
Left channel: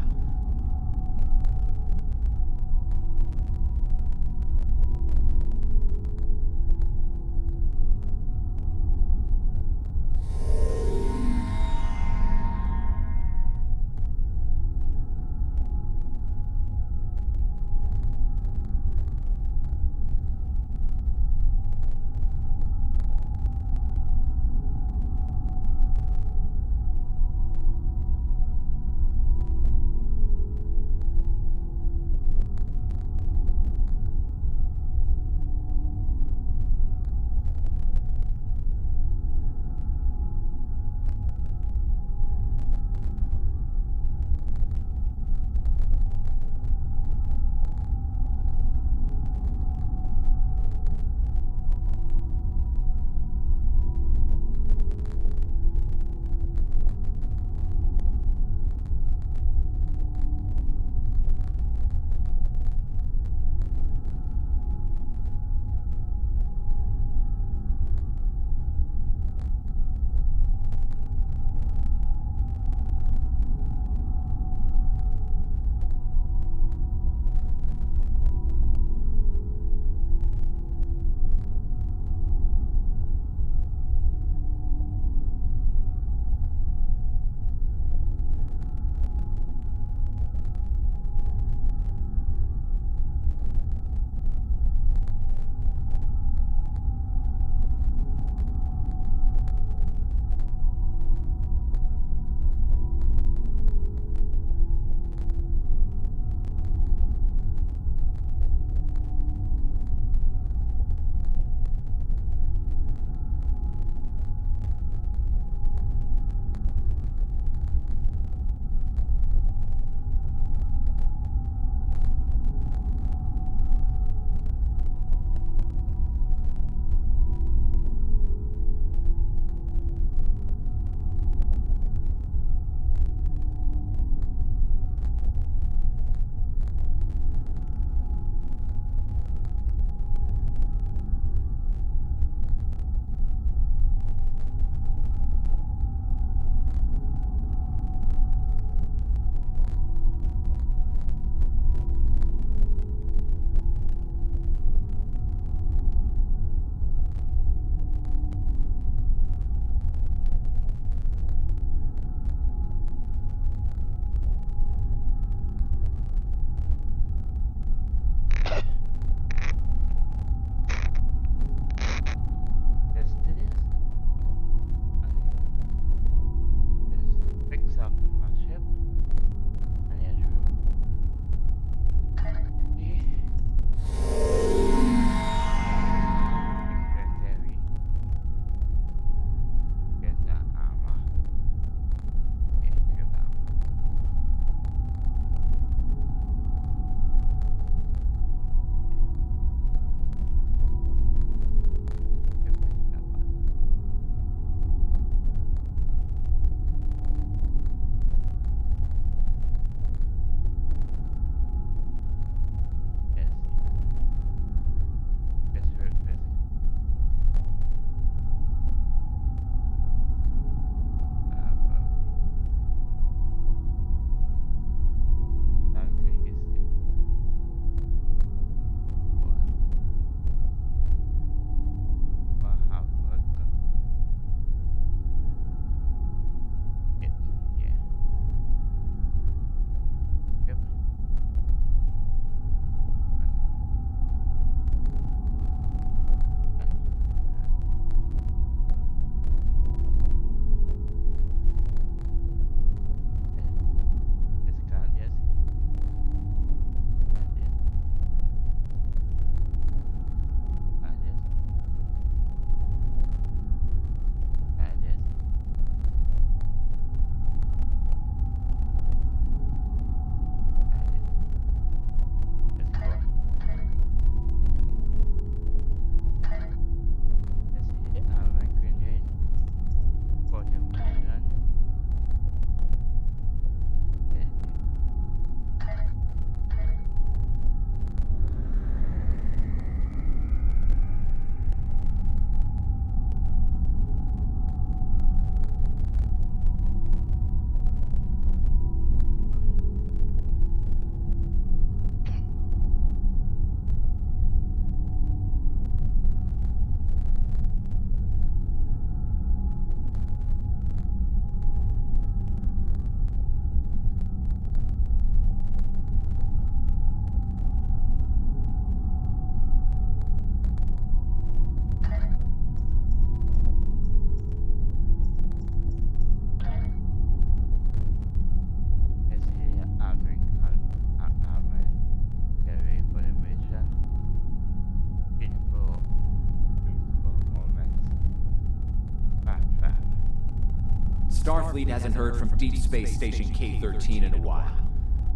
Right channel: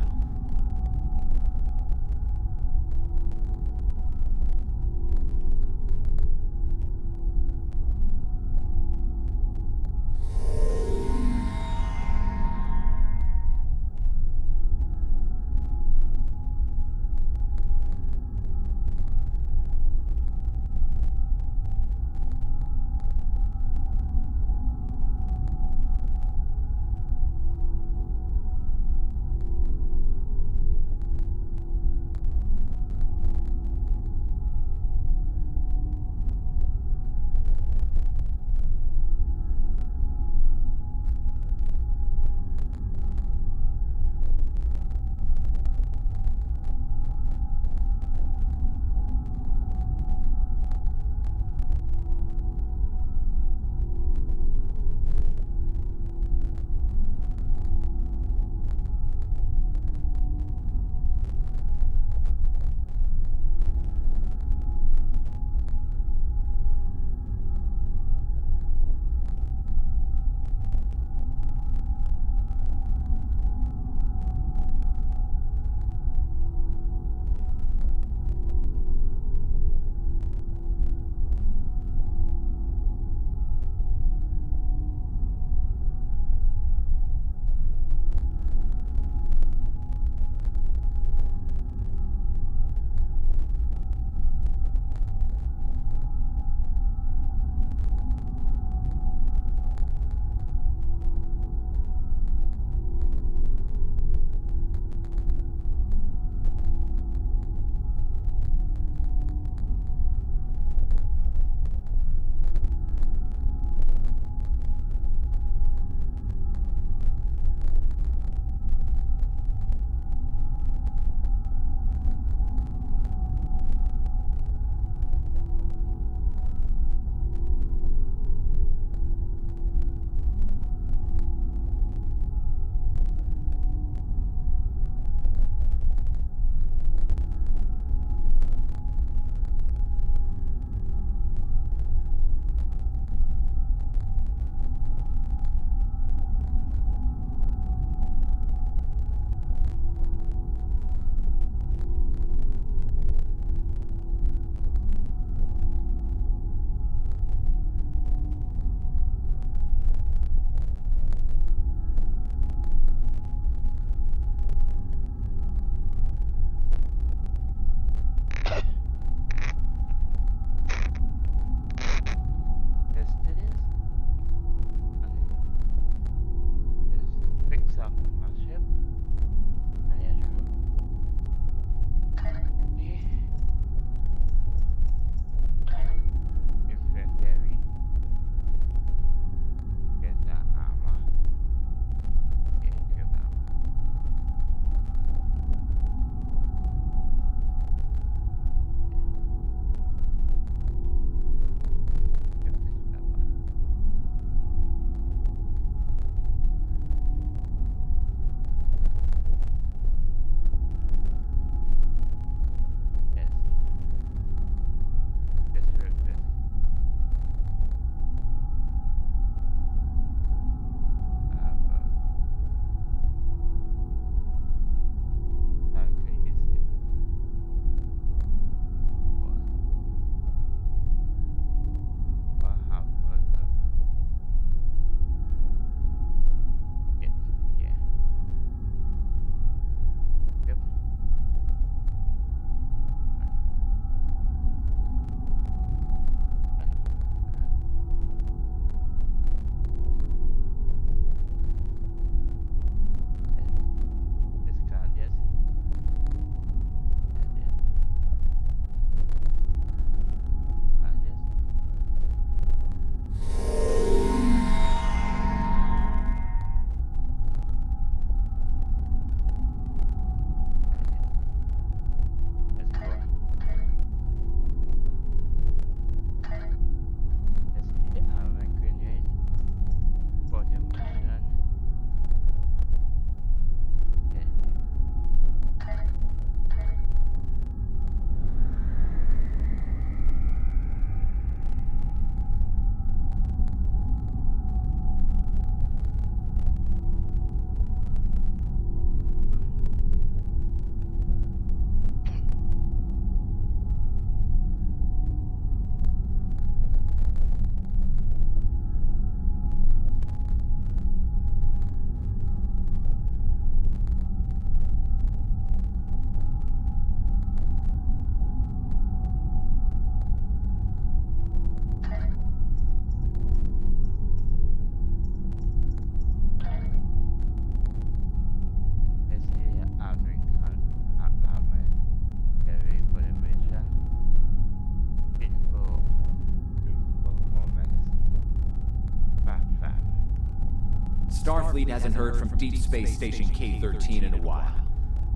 Starfleet hasn't heard from Deep Space Station K-13 in a while.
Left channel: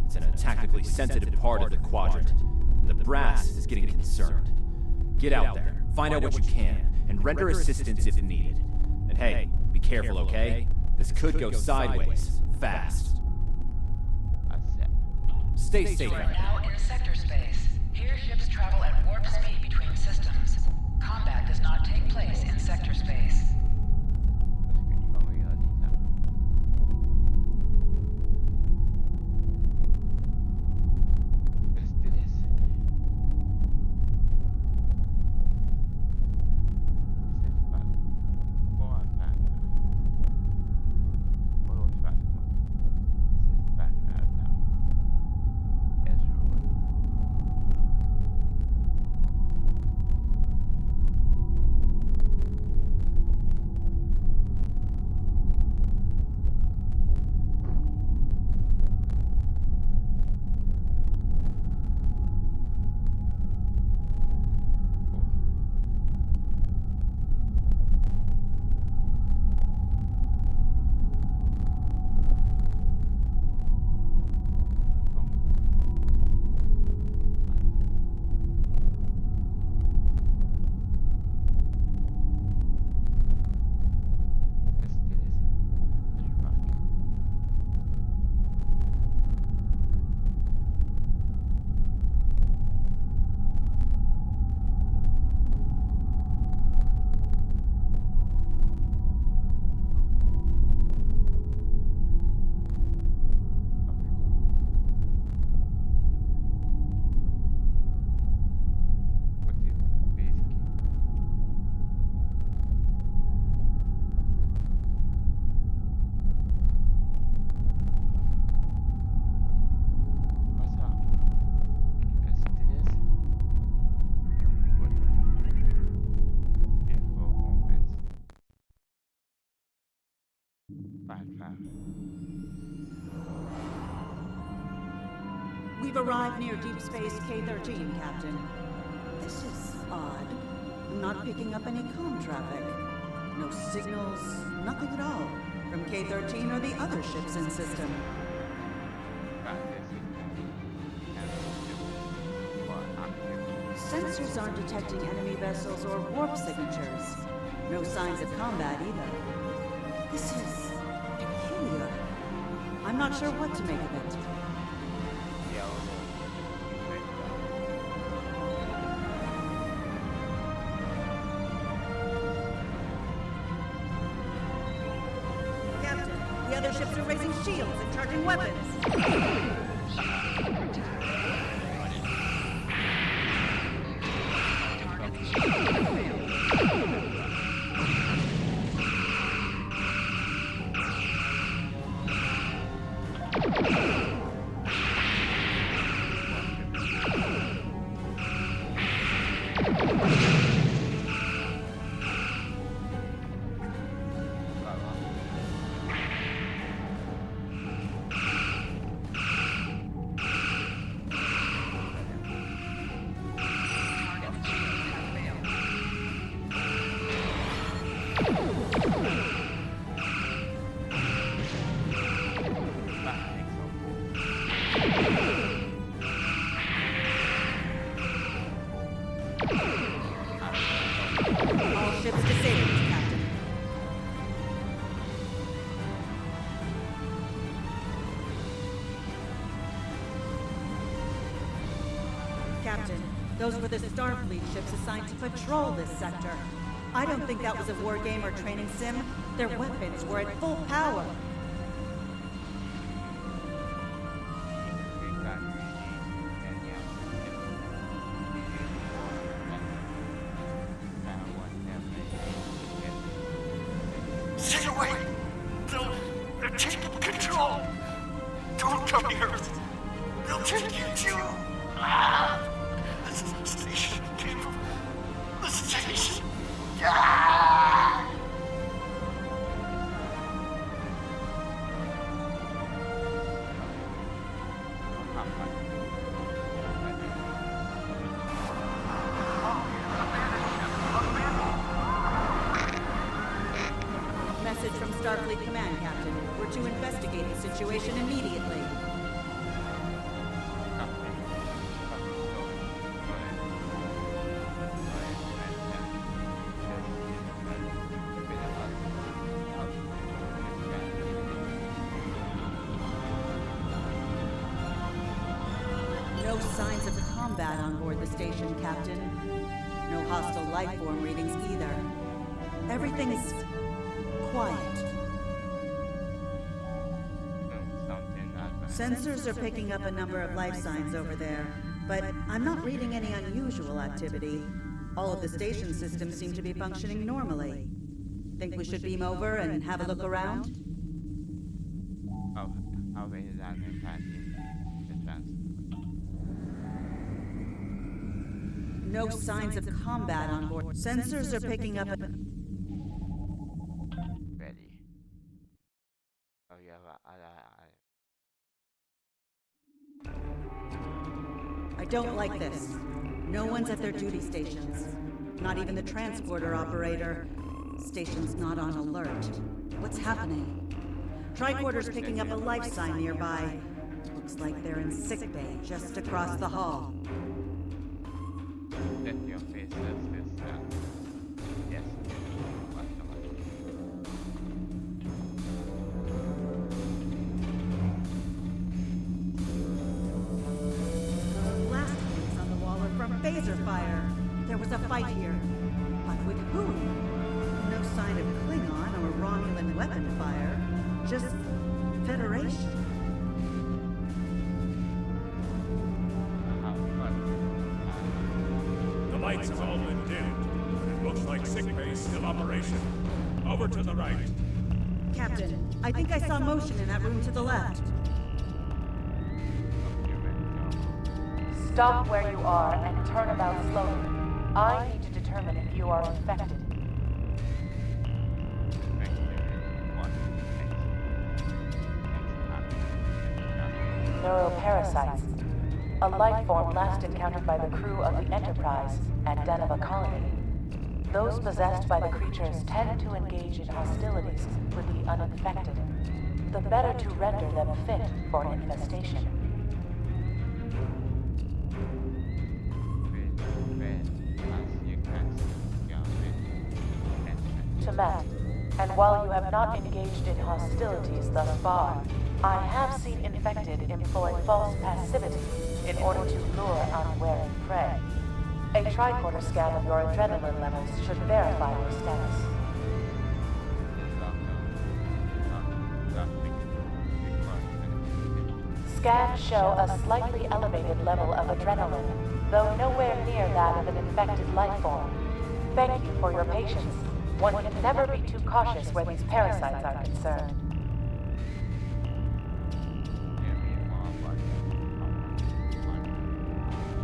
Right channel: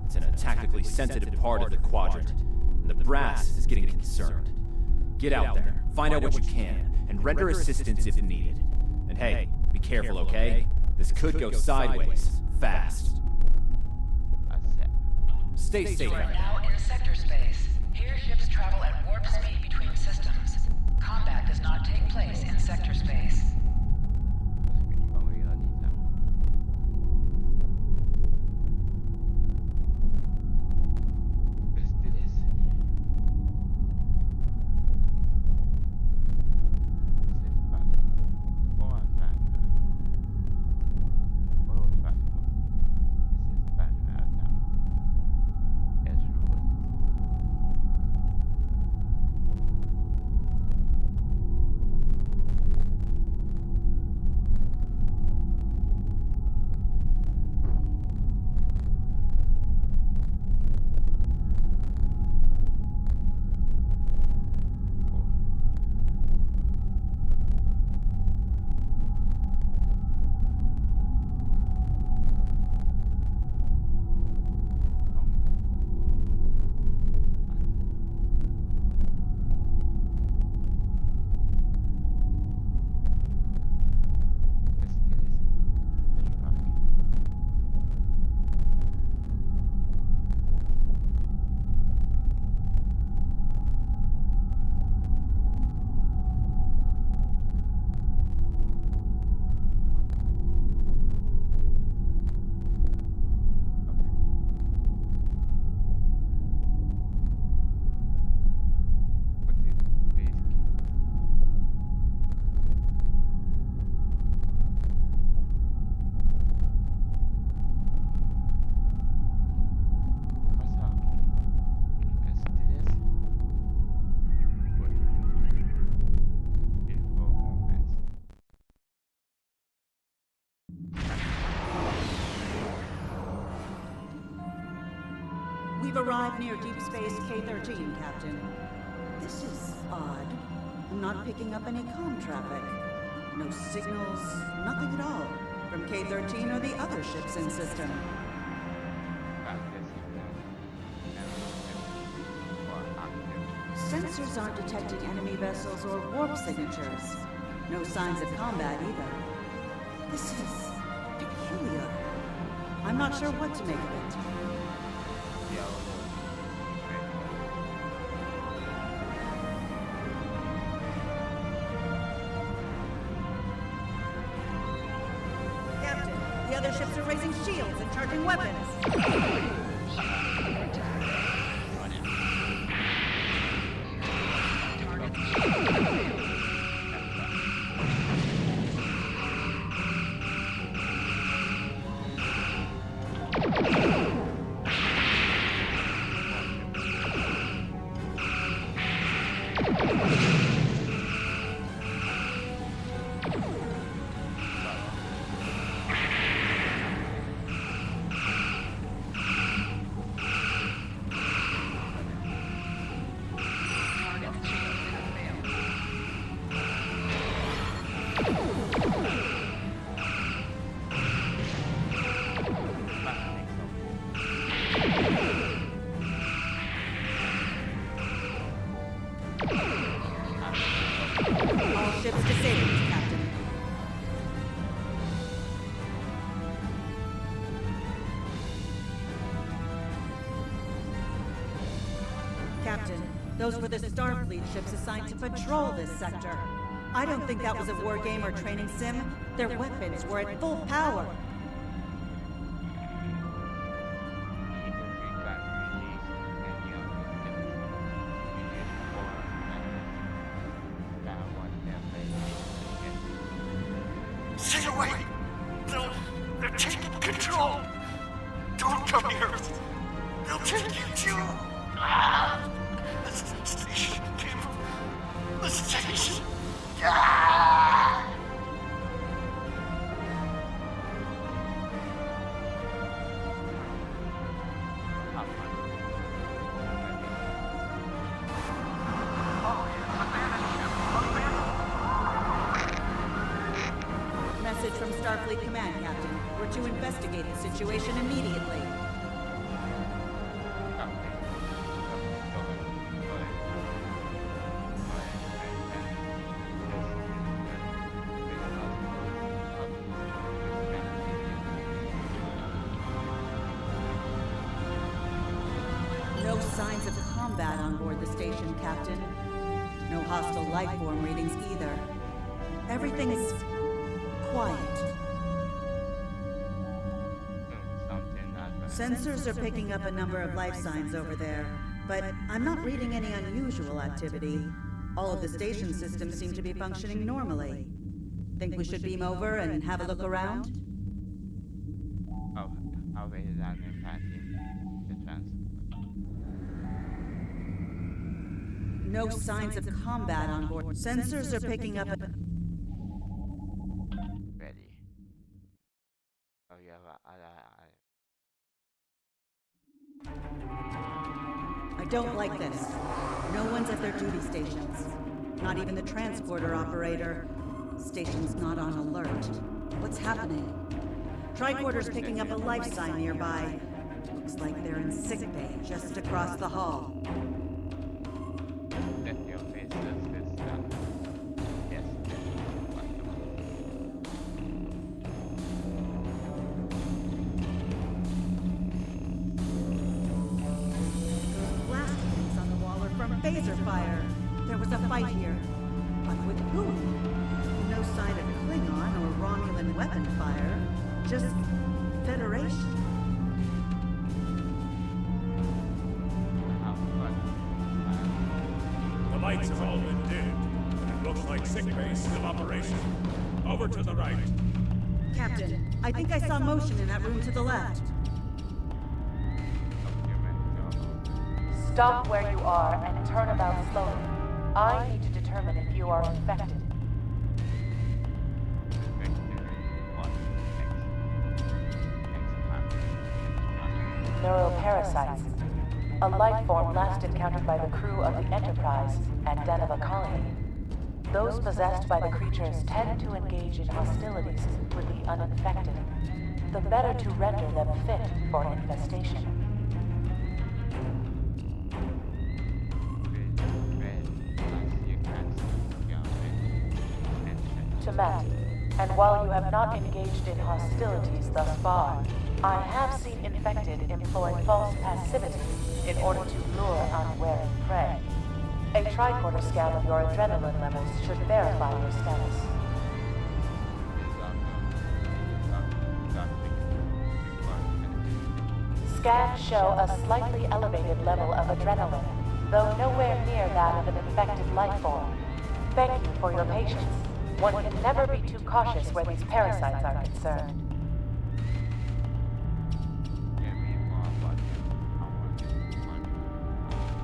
It's in a tactically sensitive part of the quadrant, and the brass is getting concerned. Get out there, find out what you can, and render assistance if needed. And hey, be careful, okay? This could go sideways, fast. Accept. Stay safe You are out there. now in sector space. Here ships travel at warp speed between systems. Combat does not take place in sector space. Parce que tu vas regarder ça. Let's do this. This is bad. Oh, I'm bad. Oh, it's bad. This is bad now. It's ruined. Let's do this. Let's rock it. What is base key? What's up? Let's do this. Good. Info moments. We've arrived near Deep Space K-13, Captain. This is odd. I'm not picking up any comm traffic. No signals, nothing at all. From K-13 or the other ships in system. Got the signal. Or active. Sensors aren't detecting enemy vessels or warp signatures. No signs of combat either. This is peculiar. I'm not sure what to make of it. Yellow. Captain, the other ships are raising shields and charging weapons. All ships disabled, Captain. Captain, those were the Starfleet ships assigned to patrol this sector. I don't think that was a war game or training sim. Their weapons were at full power. Stay away! They're taking control! Don't come here! They'll take you too! The station came from the station! Have fun. message from Starfleet Command, Captain. We're to investigate the situation immediately. Copy. Copy. Go ahead. Go ahead. Go ahead. And this is been up this guy. No signs of combat on board the station, Captain. No hostile life form readings either. Everything's quiet. Something not right. Sensors are picking up a number of life signs over there, but I'm not reading any unusual activity. All of the station systems seem to be functioning normally. Think we should beam over and have a look around? Oh, how is that impacting the transport? No signs of combat on board. Sensors are picking up a... Ready. Oh yeah, I don't like this. No one's at their duty stations. Not even the transporter operator. Station's not on alert. What's happening? Tricorder's picking up a life sign nearby. Looks like they're in sickbay just across the hall. Let your face this down. Yes, okay. What am I? Those blast points on the wall are from phaser fire. There was a fight here. But with whom? No sign of Klingon or Romulan weapon fire. Just Federation. The lights have all been dimmed, but it looks like sickbay's still operation. Over to the right. Captain, I think I saw motion in that room to the left. Stop where you are and turn about slowly. I need to determine if you are infected. Neuroparasites. A life form last encountered by the crew of the Enterprise at Deneva Colony. Those possessed by the creatures tend to engage in hostilities with the uninfected, the better to render them fit for infestation. Temet, and while you have not engaged in hostilities thus far, I have seen infected employ false passivity in order to lure unwary prey. A tricorder scan of your adrenaline levels should verify your status. Scans show a slightly elevated level of adrenaline, though nowhere near that of an infected life form. Thank you for your patience. One can never be too cautious where these parasites are concerned.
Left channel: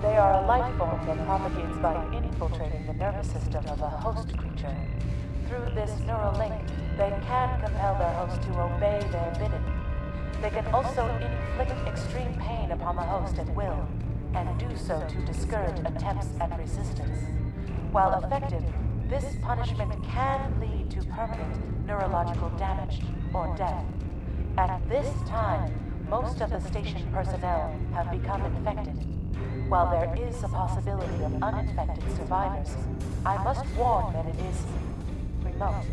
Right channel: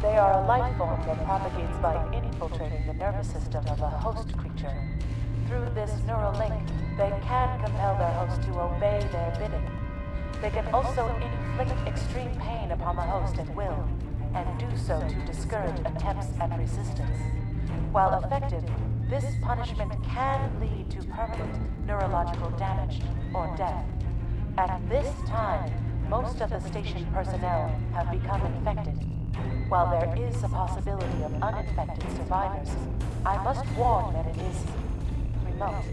They are a life form that propagates by infiltrating the nervous system of a host creature. Through this neural link, they can compel their host to obey their bidding. They can also inflict extreme pain upon the host at will, and do so to discourage attempts at resistance. While effective, this punishment can lead to permanent neurological damage or death. At this time, most of the station personnel have become infected. While there is a possibility of uninfected survivors, I must warn that it is remote.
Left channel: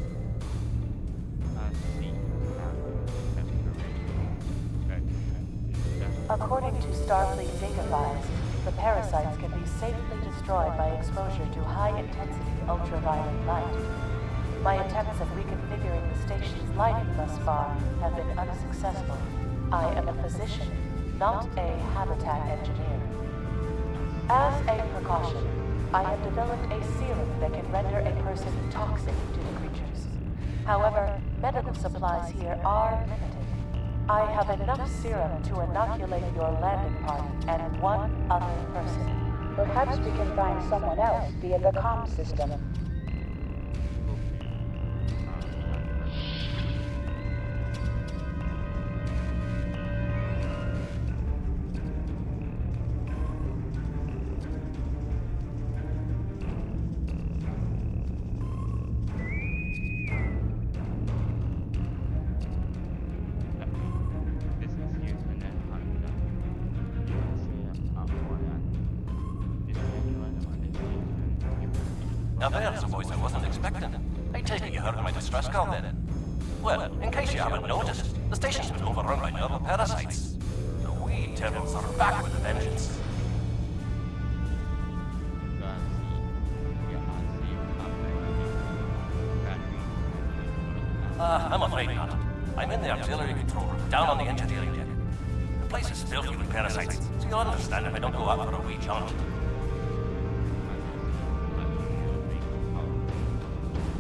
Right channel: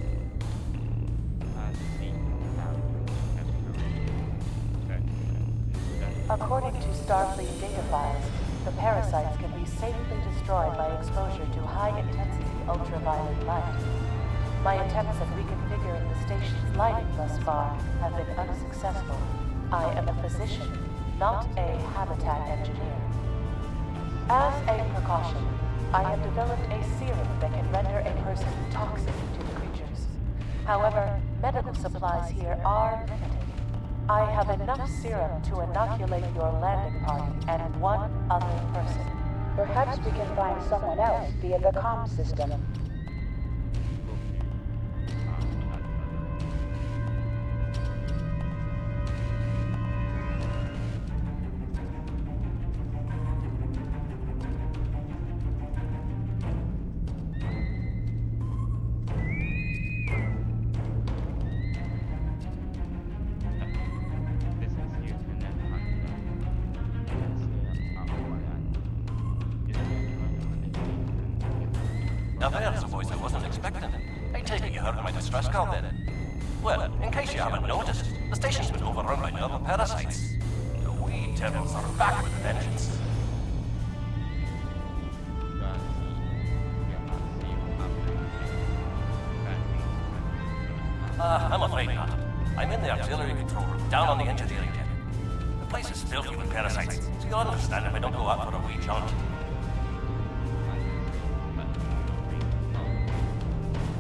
According to Starfleet data files, the parasites can be safely destroyed by exposure to high-intensity ultraviolet light. My attempts at reconfiguring the station's lighting thus far have been unsuccessful. I am a physician, not a habitat engineer. As a precaution, I have developed a serum that can render a person toxic to the creatures. However, medical supplies here are limited. I have enough serum to inoculate your landing party and one other person. Perhaps we can find someone else via the comm system. Now there's a voice I wasn't expecting. I take it you heard my distress call then. Well, in case you haven't noticed, the station's been overrun by novel parasites. The wee devils are back with a vengeance. I'm afraid not. I'm in the auxiliary control room, down on the engineering deck. The place is filthy with parasites, so you'll understand if I don't go out for a wee jaunt.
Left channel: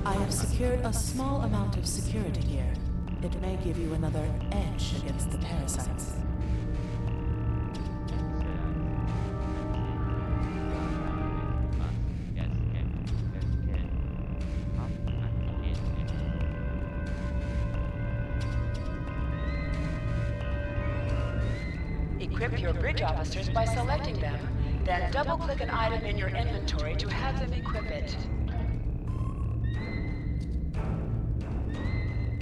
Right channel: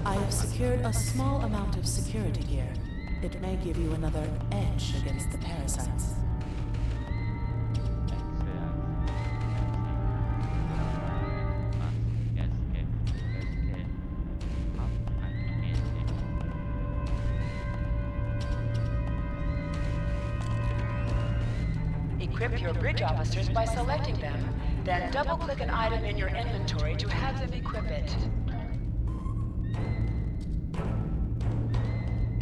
I have secured a small amount of security gear. It may give you another edge against the parasites. Equip your bridge officers by selecting them, then double-click an item in your inventory to have them equip it.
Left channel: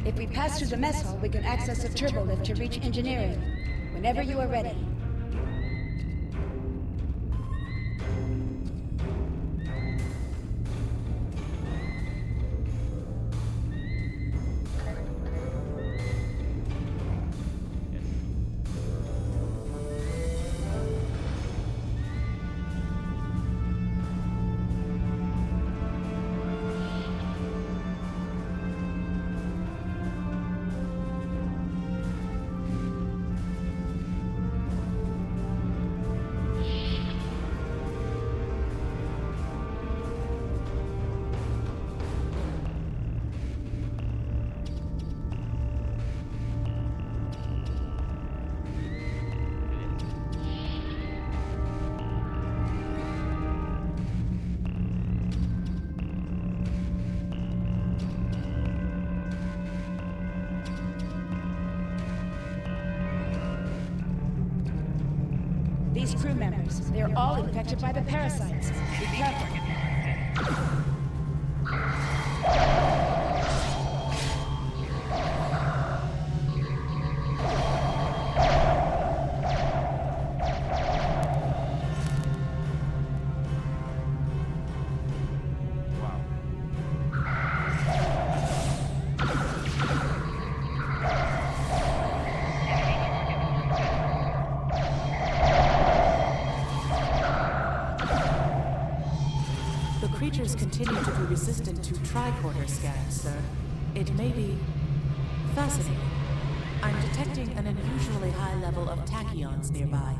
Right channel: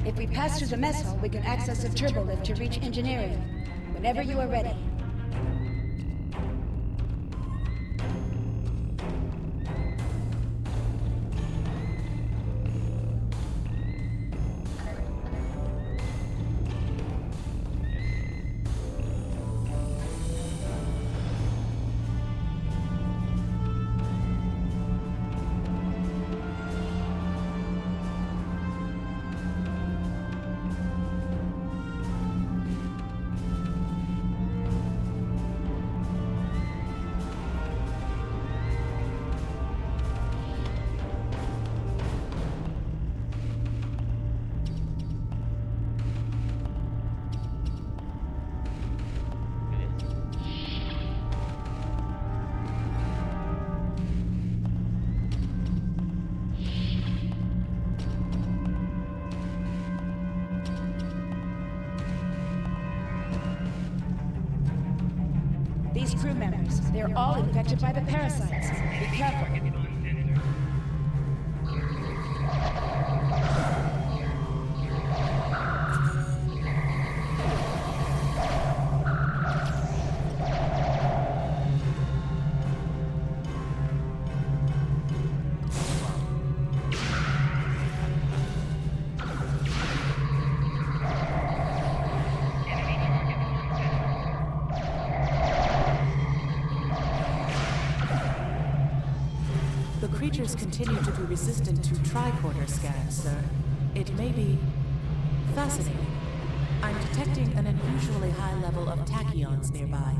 If we pass through the mess hall, we can access a turbo lift to reach engineering. Whenever you are ready. These crew members, they're all infected by the parasites. Be careful. The creatures continue to be resistant to tricorder scans, sir. It may be fascinating. I'm detecting an unusually high level of tachyons nearby.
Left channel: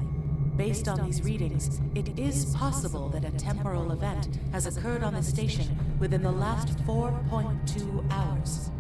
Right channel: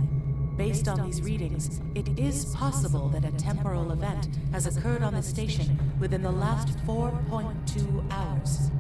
Based on these readings, it is possible that a temporal event has occurred on the station within the last 4.2 hours.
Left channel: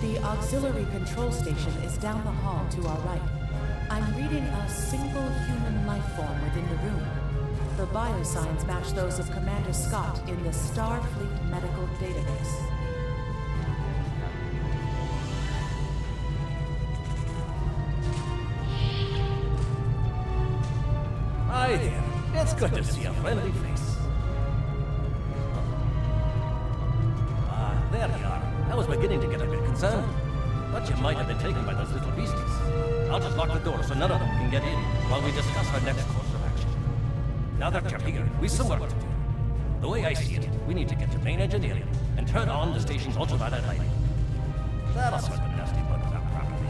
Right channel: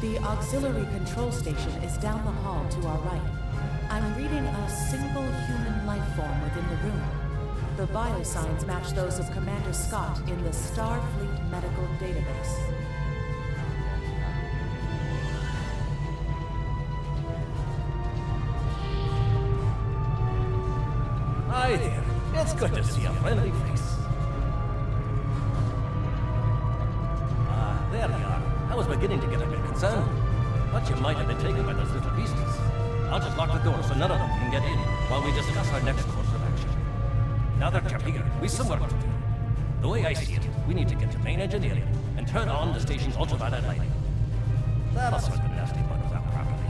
The auxiliary control station is down the hall to our right. I'm reading a single human life form within the room. The biosigns match those of Commander Scott in the Starfleet medical database. Hi there. It's good to see a friendly face. There you are. I was beginning to get a bit concerned. Thought you might have been taken by those little beasties. I'll just lock the door so none of them can get in while we discuss our next course of action. Now that you're here, we've some work to do. The way I see it, we need to get to main engineering and turn on the station's ultraviolet lighting. That'll sort the nasty buggers out properly.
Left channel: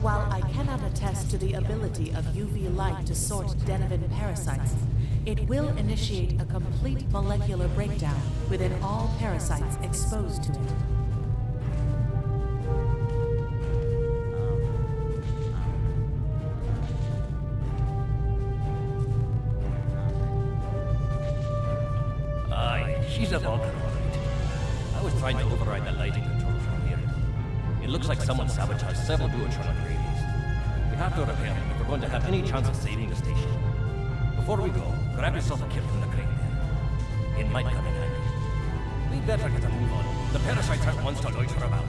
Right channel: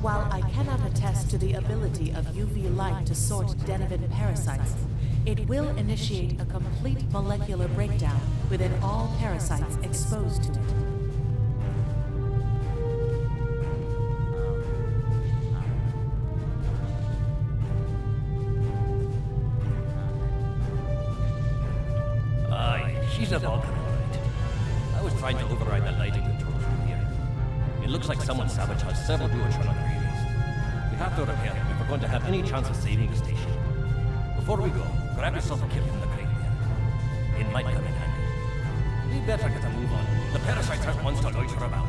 While I cannot attest to the ability of UV light to sort Deniven parasites, it will initiate a complete molecular breakdown within all parasites exposed to it. Aye, she's a Vulcan, all right. I was trying to override the lighting controls from here. It looks like someone sabotaged several duotronic relays. We have to repair them if we're going to have any chance of saving the station. Before we go, grab yourself a kit from the crate there. It might come in handy. We better get a move on. The parasites aren't ones to loiter about.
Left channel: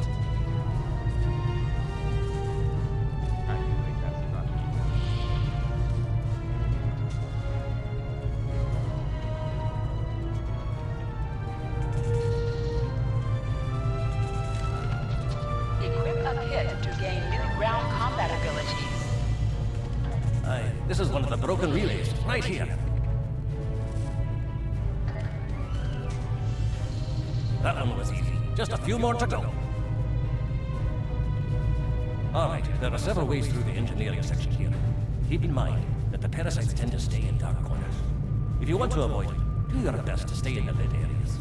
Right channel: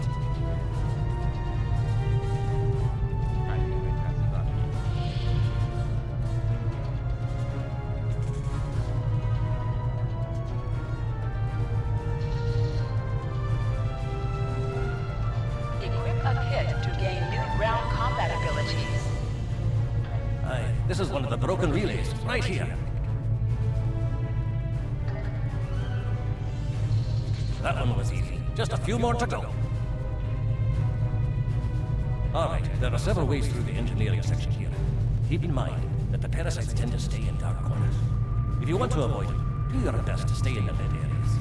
Equip a kit to gain new ground combat abilities. Aye, this is one of the broken relays, right here. That one was easy. Just a few more to go. All right, there are several ways through the engineering section here. Keep in mind that the parasites tend to stay in dark corners. If you want to avoid it, do your best to stay in the lit areas.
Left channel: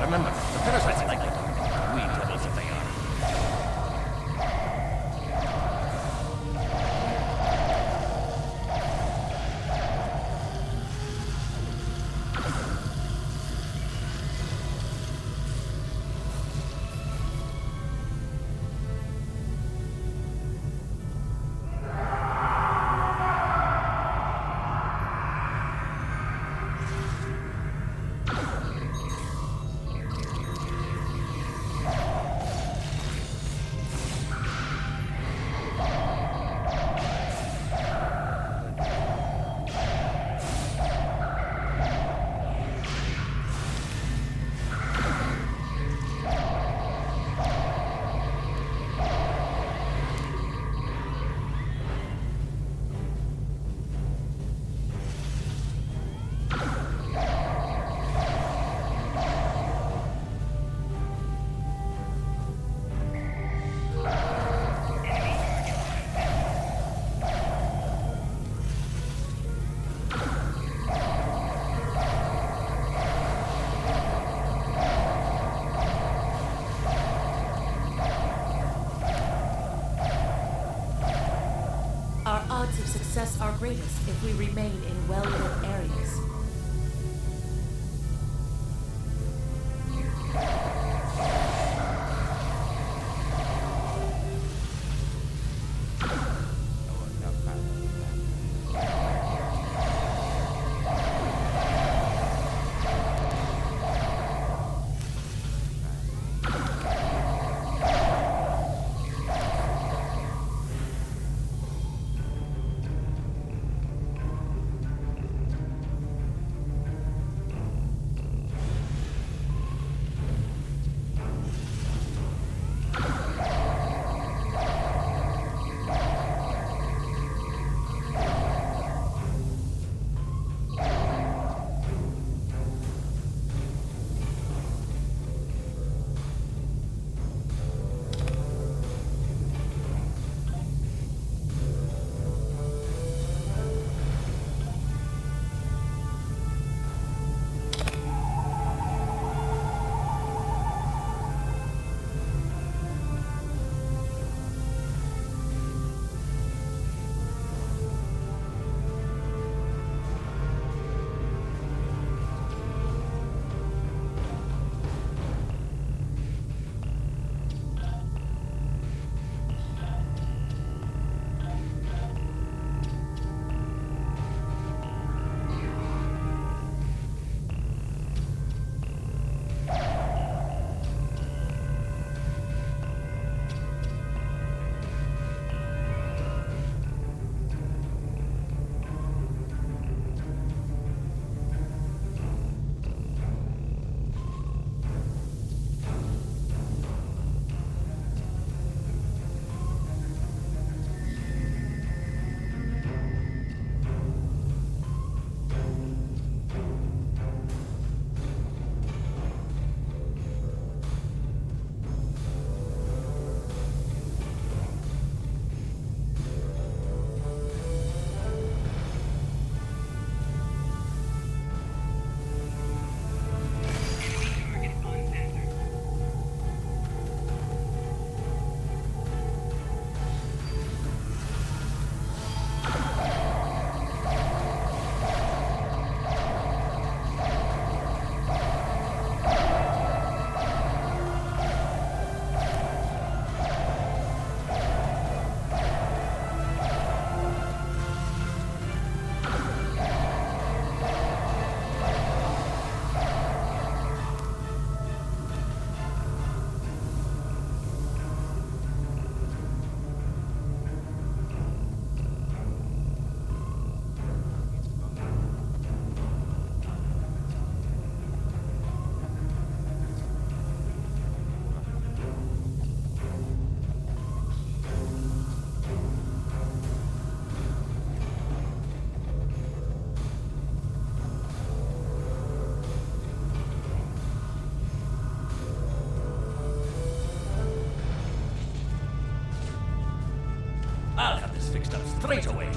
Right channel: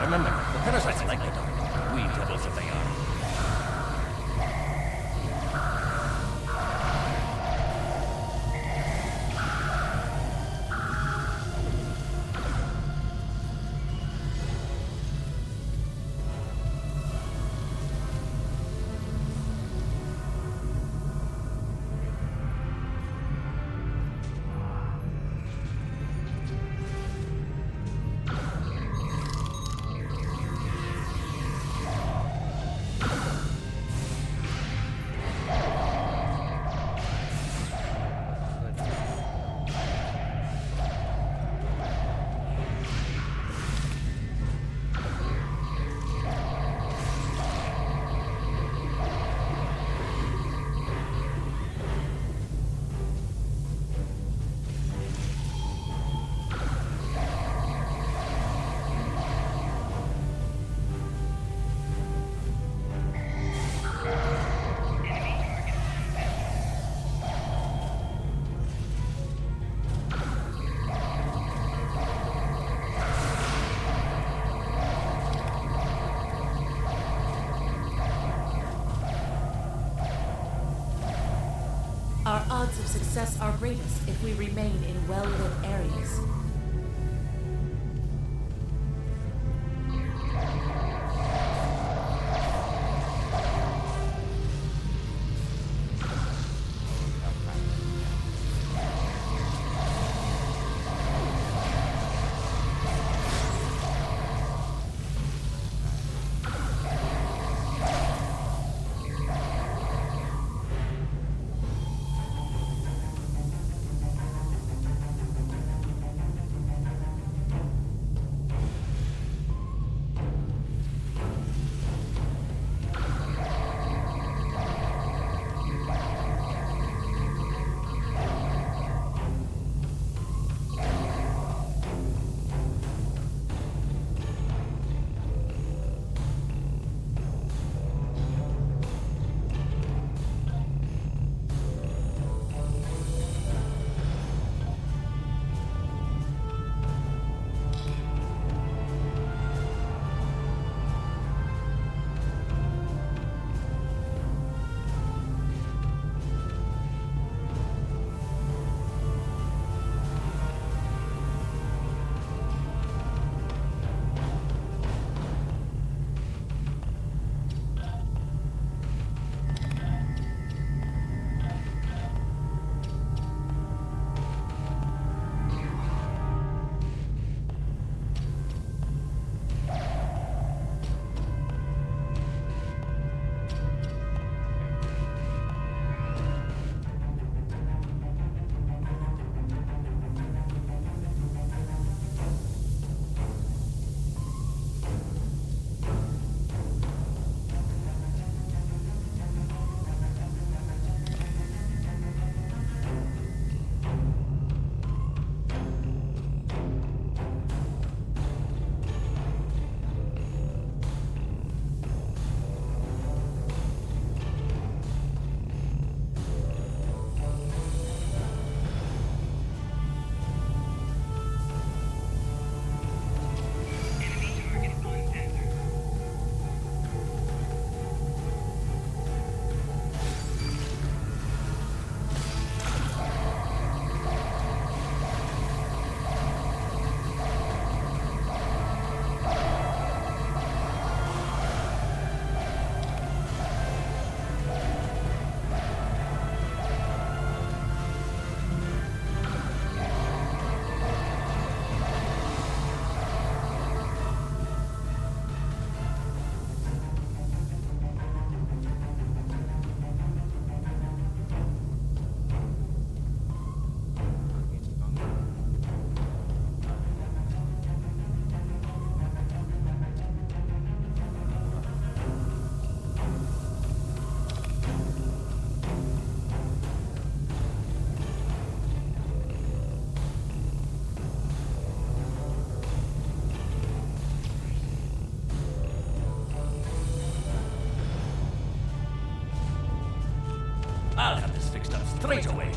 Remember, the parasites like the dark. We devils if they are. Our odds of success are greatest if we remain in well-lit areas. I'll have this fixed up straight away.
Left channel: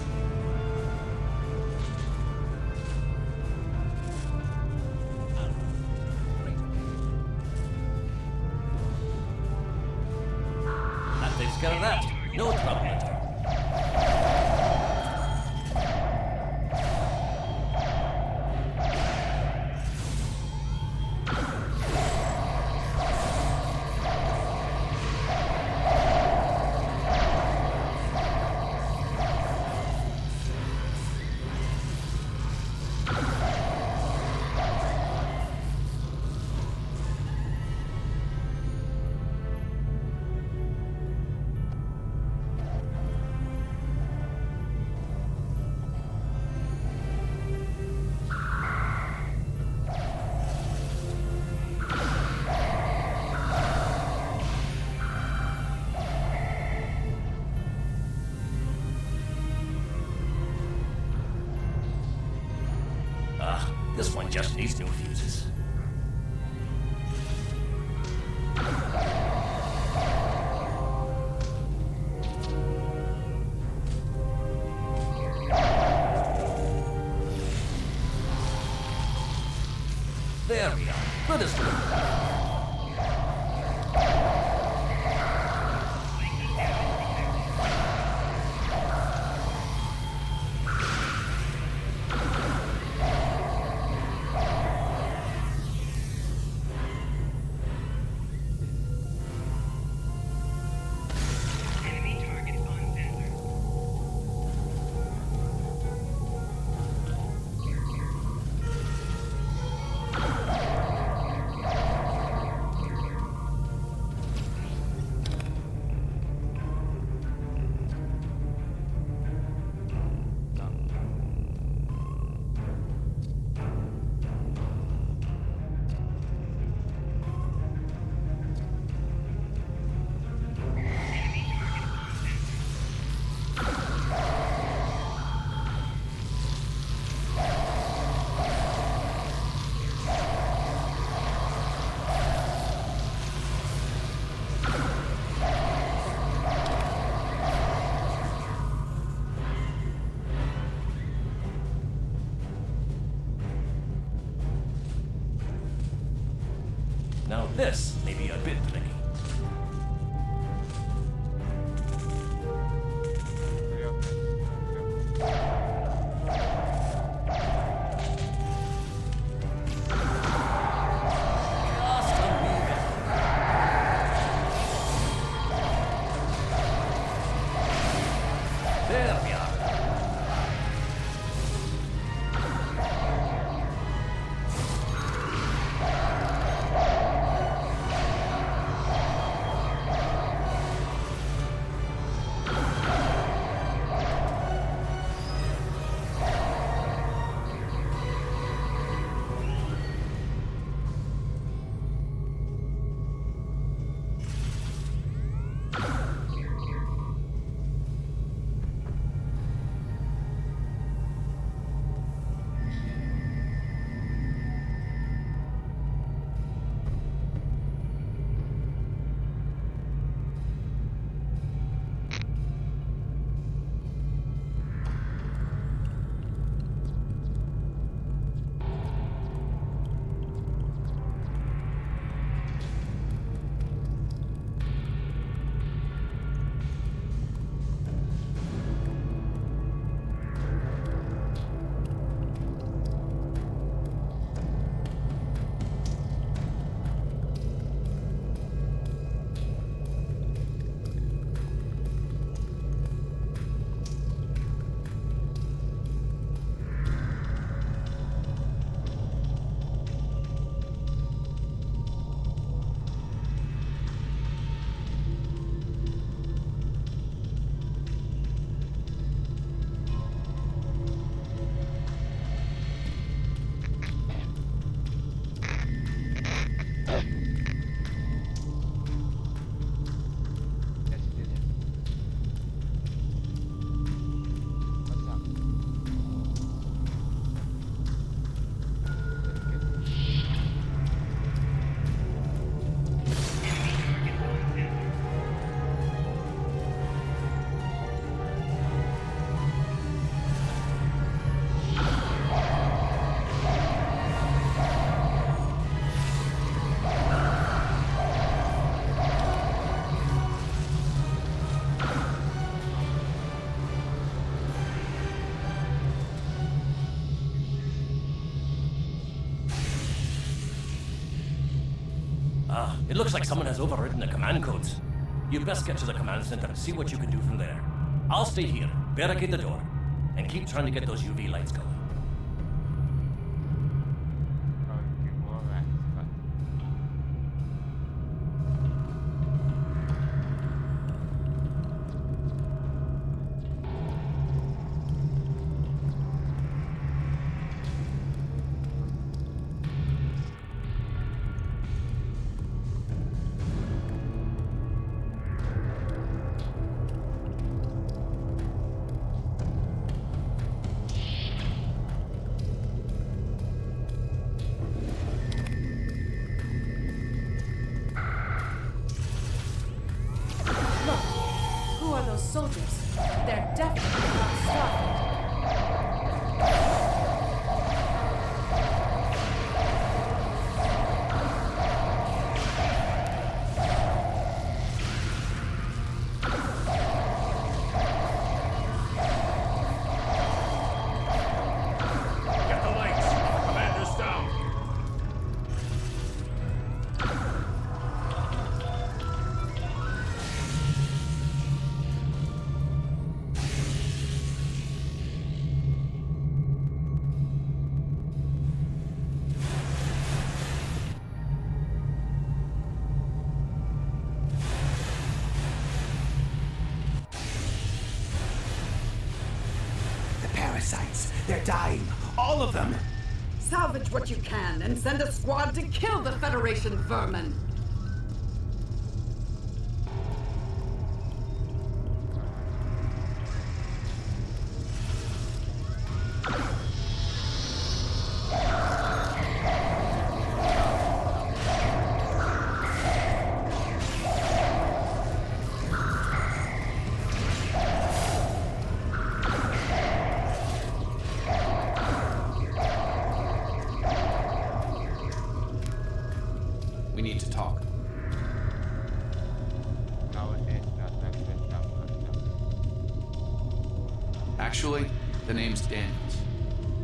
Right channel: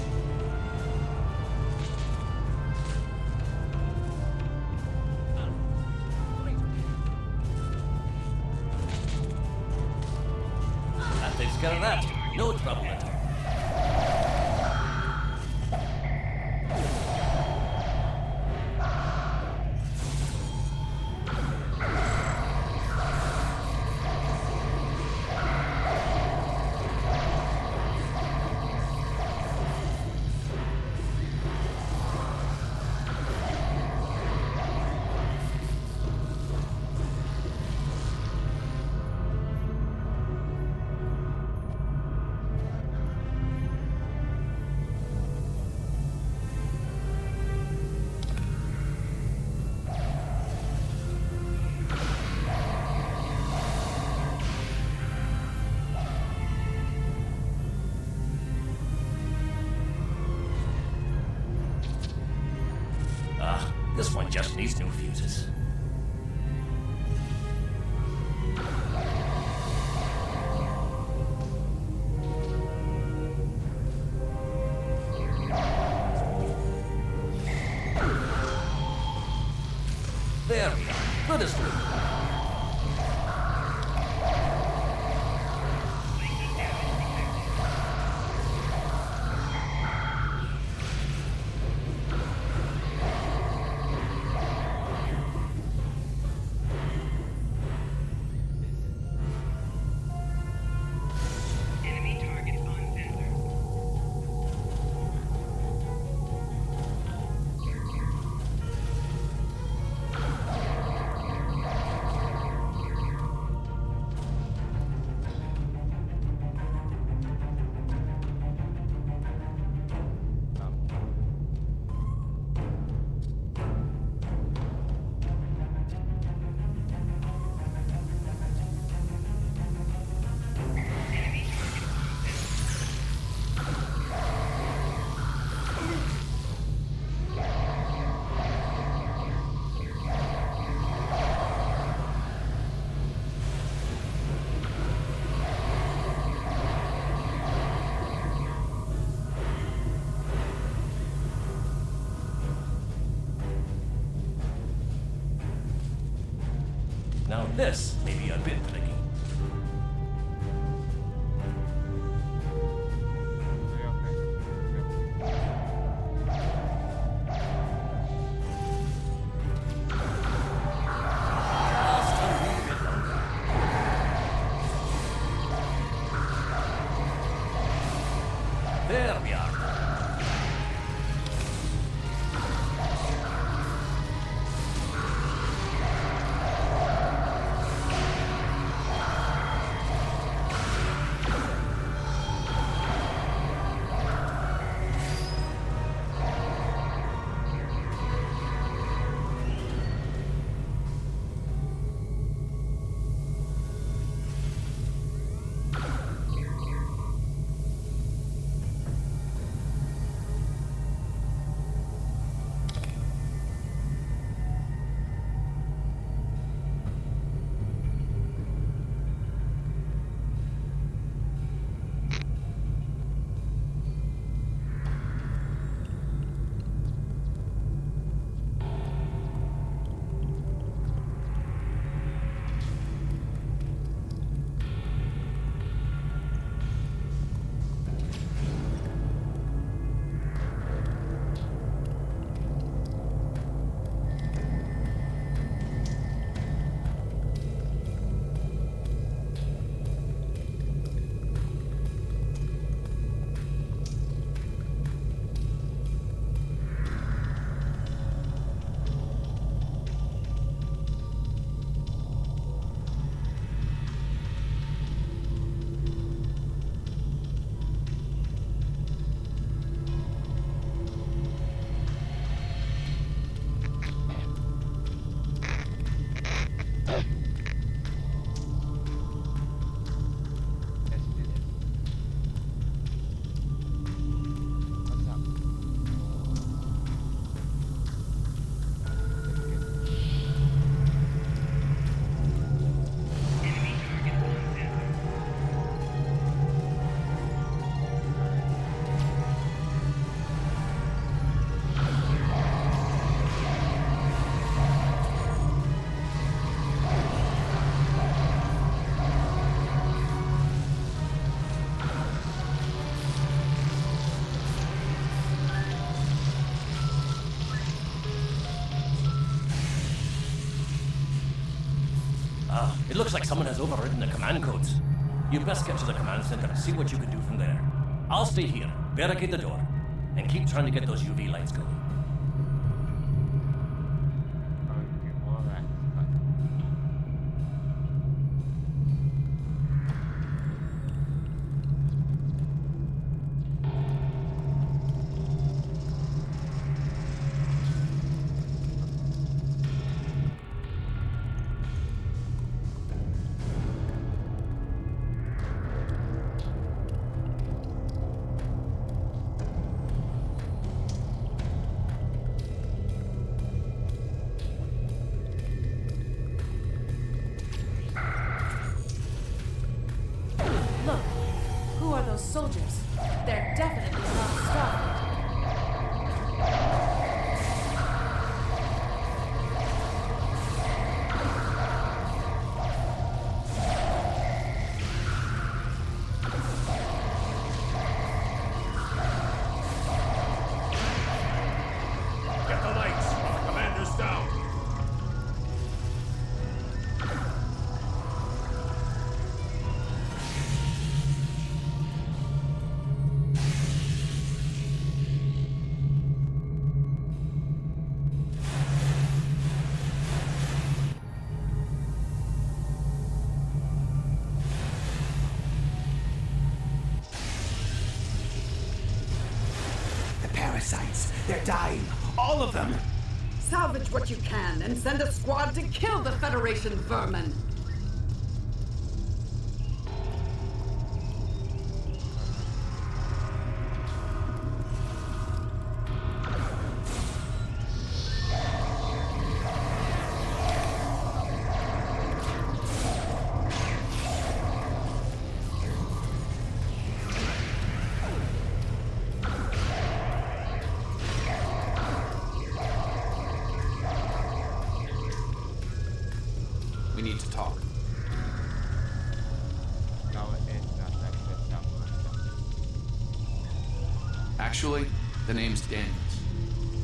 That takes care of that. No trouble at all. This one just needs new fuses. There we are. Good as new. Now this may be a bit tricky. There we are. It looks like someone has overridden the command codes. You best get to the command center and see what you can do from there. I'll stay here, barricade the door, and keep trying to get those UV lights going. Look, who are those soldiers? They're definitely not Starfleet. Get the lights! The commander's down! The parasites, they're dying. All of them! Salvage what you can and send a squad to kill the Federation vermin. We need to talk. Actually, the name's Daniels.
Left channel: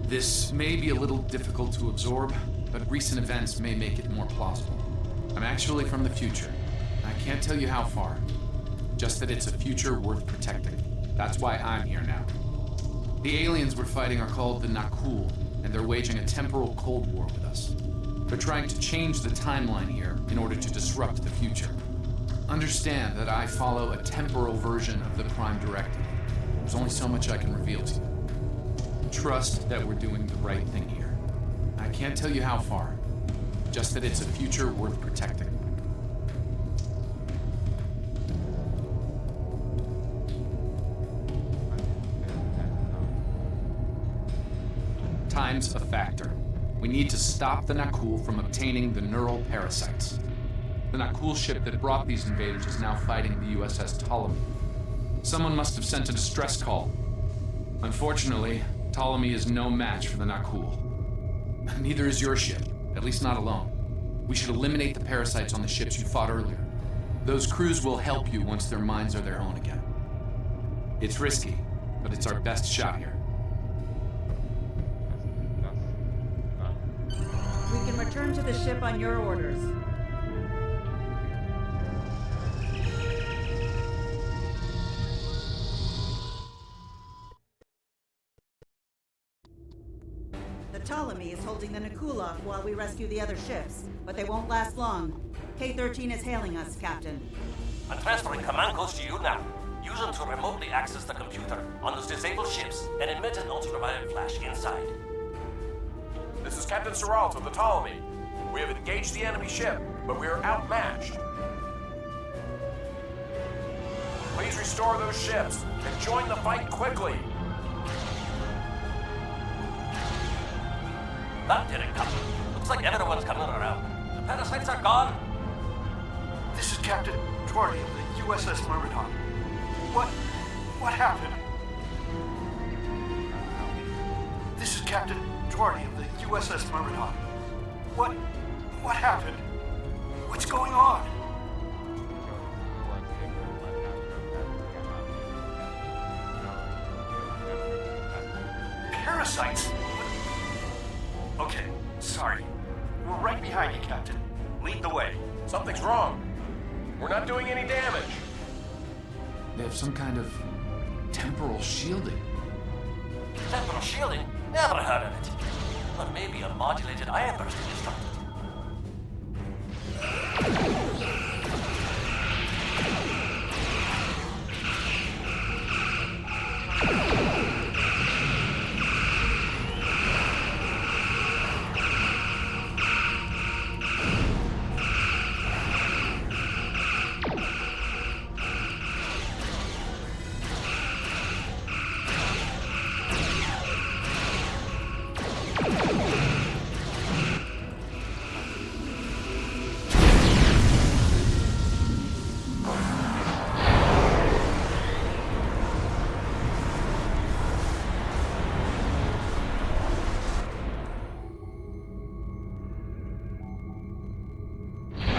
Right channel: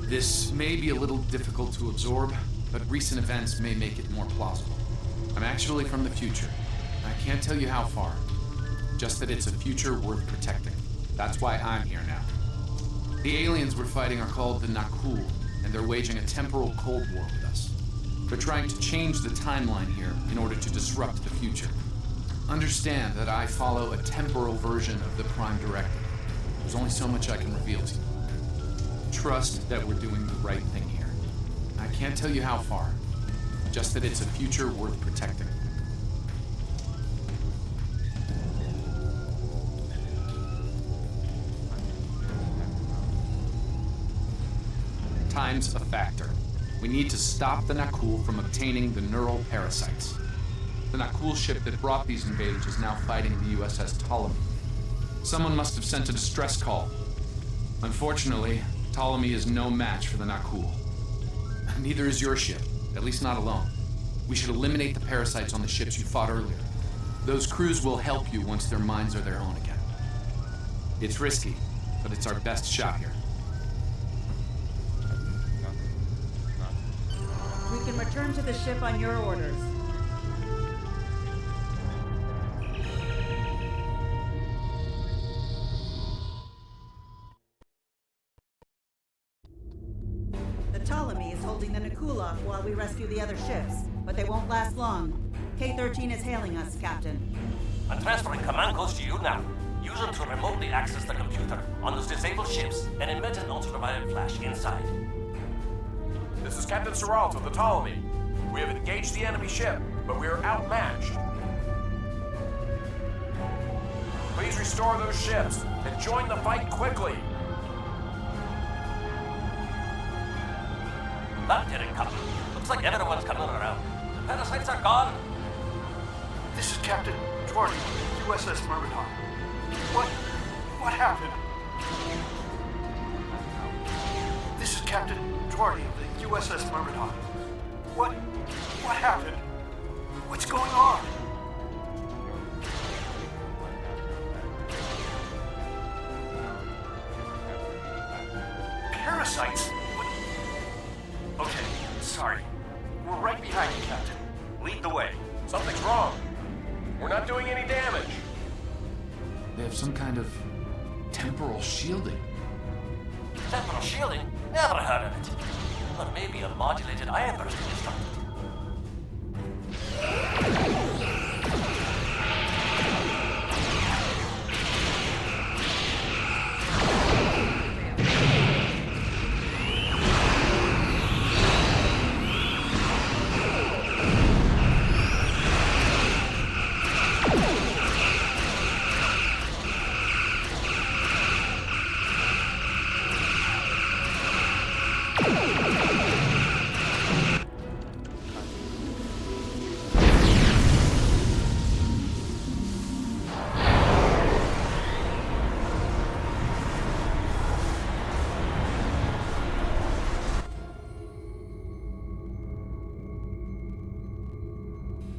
This may be a little difficult to absorb, but recent events may make it more plausible. I'm actually from the future. I can't tell you how far. Just that it's a future worth protecting. That's why I'm here now. The aliens we're fighting are called the Nakul, and they're waging a temporal Cold War with us. They're trying to change the timeline here in order to disrupt the future. Understand that I follow a temporal version of the Prime Directive. There's only so much I can reveal to you. Trust that we're doing the right thing here. I can't tell you how far, just that it's a future worth protecting. Time's a factor. We need to stop the Nakul from obtaining the neural parasites. The Nakul ship that brought these invaders is now fighting the USS Ptolemy. Someone must have sent a distress call. Unfortunately, Ptolemy is no match for the Nakul. Neither is your ship, at least not alone. We should eliminate the parasites on the ships you fought earlier. Those crews will help you once their minds are their own again. It's risky, but it's our best shot here. We can return to the ship on your orders. The Ptolemy is holding the Nakul off while we rescue the other ships, but they won't last long. K-13 is hailing us, Captain. I'm transferring command codes to you now. Use them to remotely access the computer on those disabled ships and emit an ultraviolet flash inside. This is Captain Seralt of the Ptolemy. We have engaged the enemy ship, but we are outmatched. Please restore those ships and join the fight quickly. That didn't come. Looks like everyone's coming around. The parasites are gone. This is Captain Jordy of the USS Myrmidon. What happened? This is Captain Jordy of the USS Myrmidon. What happened? What's going on? Parasites? What? Okay, sorry. We're right behind you, Captain. Lead the way. Something's wrong. We're not doing any damage. They have some kind of temporal shielding. Temporal shielding? Never heard of it. But maybe a modulated ion burst constructed.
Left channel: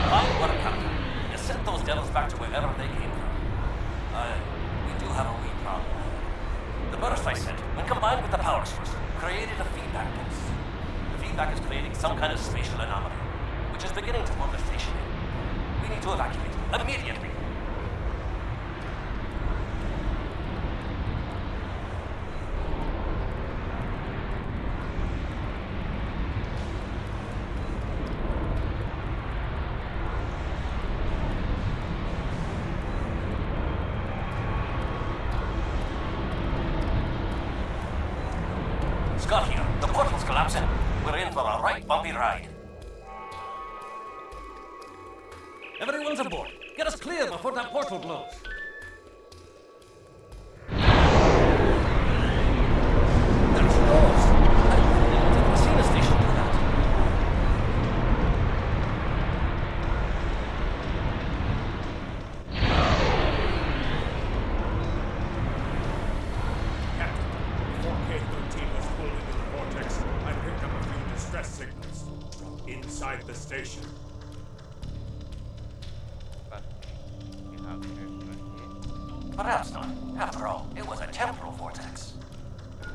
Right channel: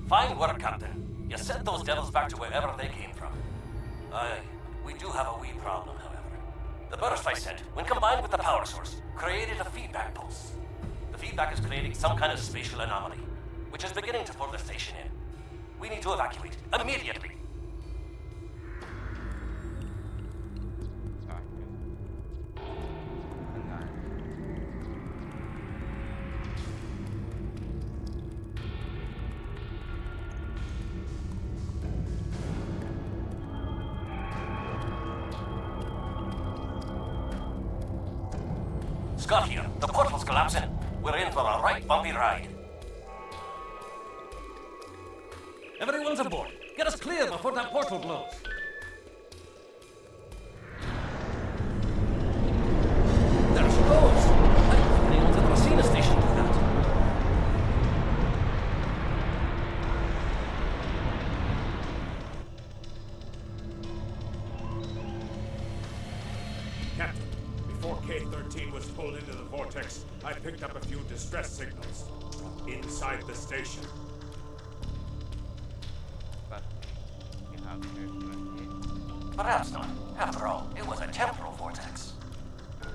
Fine work, Captain. You sent those devils back to wherever they came from. We do have a wee problem, however. The burst I sent, when combined with the power source, created a feedback pulse. The feedback is creating some kind of spatial anomaly, which is beginning to pull the station in. We need to evacuate immediately. Scott here. The portal's collapsing. We're in for a right bumpy ride. Everyone's aboard. Get us clear before that portal blows. There she goes. I don't think anyone's ever seen a station do that. Captain, before K-13 was pulled into the vortex, I picked up a few distress signals from inside the station. But you have here. Perhaps not. After all, it was a temporal vortex.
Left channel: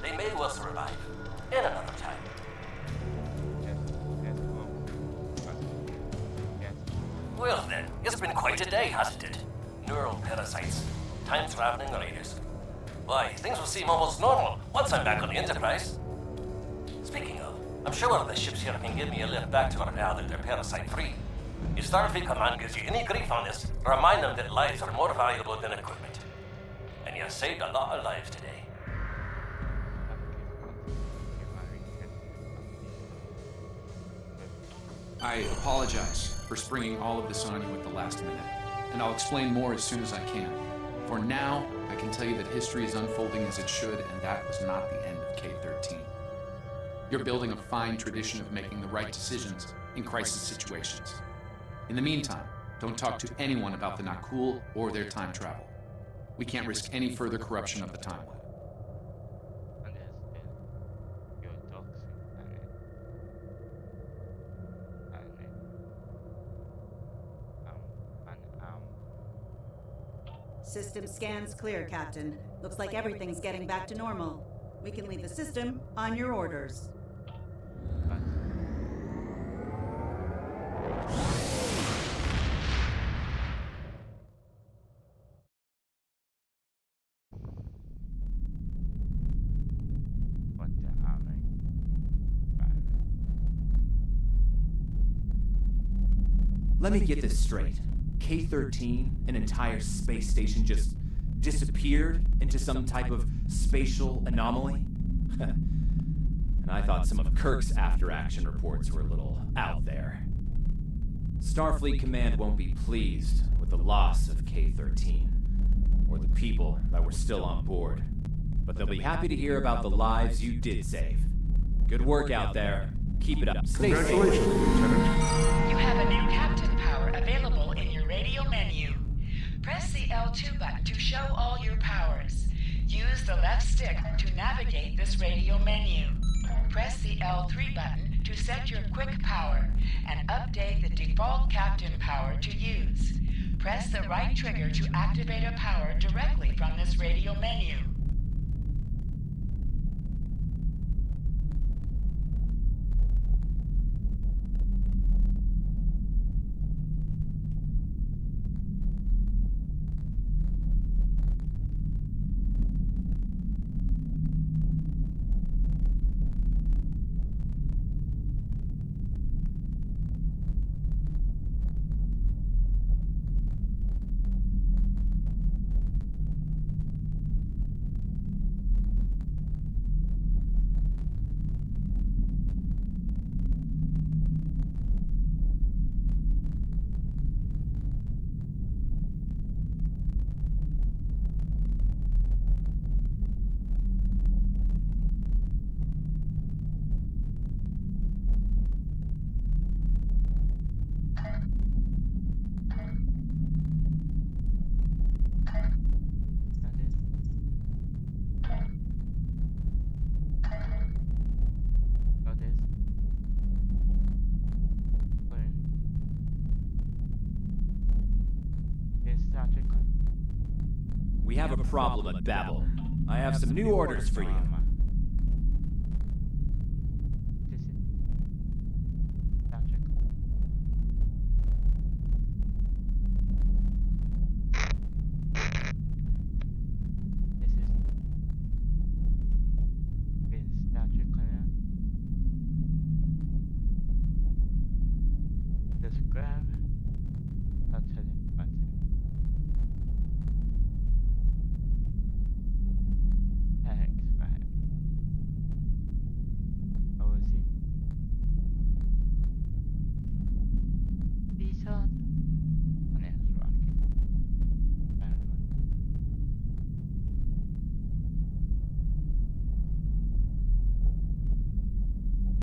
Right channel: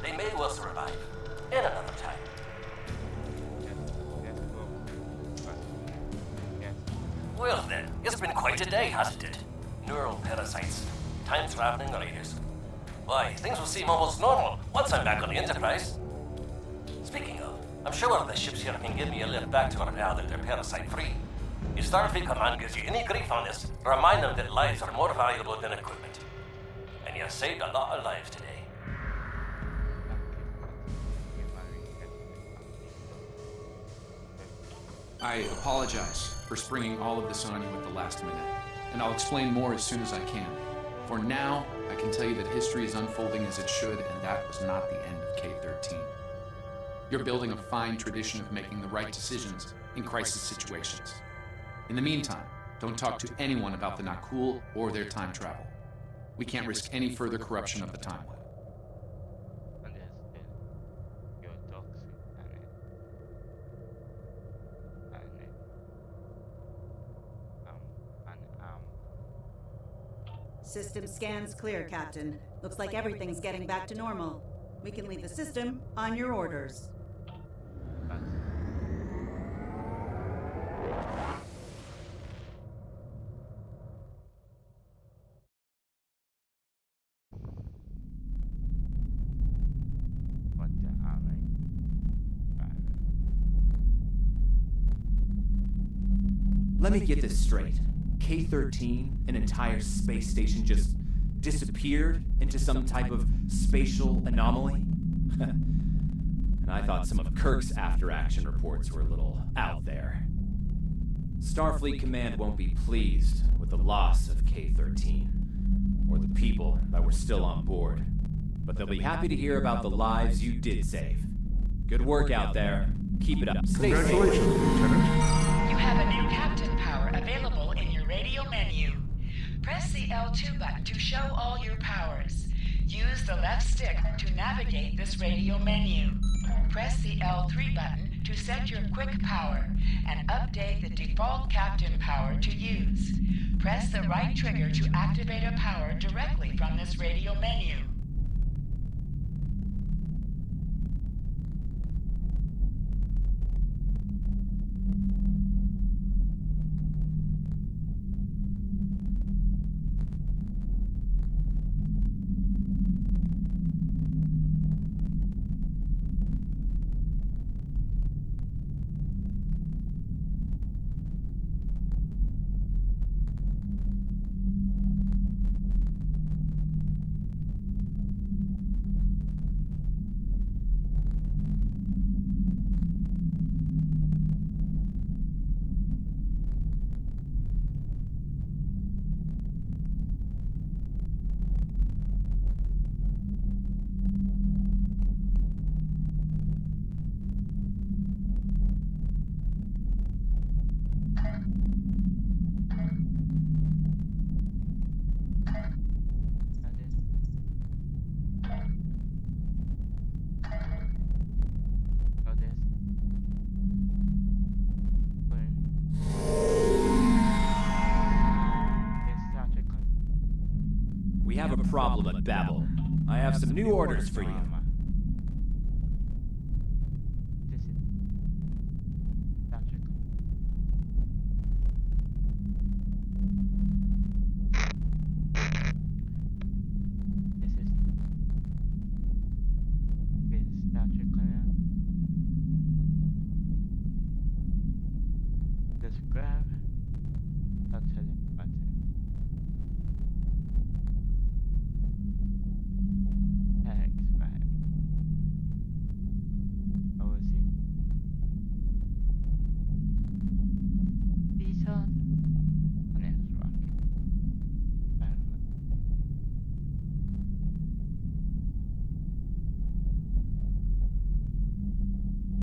They may well survive. In another time. Well then, it's been quite a day, hasn't it? Neural parasites, time-traveling raiders. Why, things will seem almost normal once I'm back on the Enterprise. Speaking of, I'm sure the ships here can give me a lift back to Earth now that they're parasite-free. If Starfleet Command gives you any grief on this, remind them that lives are more valuable than equipment. And you saved a lot of lives today. I apologize for springing all of this on you at the last minute, and I'll explain more as soon as I can. For now, I can tell you that history is unfolding as it should, and that was not the end of K-13. You're building a fine tradition of making the right decisions in crisis situations. In the meantime, don't talk to anyone about the Nakul or their time travel. We can't risk any further corruption of the timeline. System scans clear, Captain. Looks like everything's getting back to normal. We can leave the system on your orders. Let me get this straight. K-13, an entire space station, just disappeared into some type of spatial anomaly? And I thought some of Kirk's after-action reports were a little out there. Starfleet Command won't be pleased with the loss of K-13, or the people that were still on board. But they'll be happy to hear about the lives you did save. Good work out there. Keep it up. Stay safe. Congratulations, Lieutenant. You have a new captain power available in your radio menu. Press the L2 button to show all your powers. Use the left stick to navigate this radio menu. Press the L3 button to set your quick power and update the default captain power to use. Press the right trigger to activate a power directly from this radio menu. We have a problem at Babel. I have some new orders for you. This is Dr. This is Vince Dr. Clan. Just grab the select button.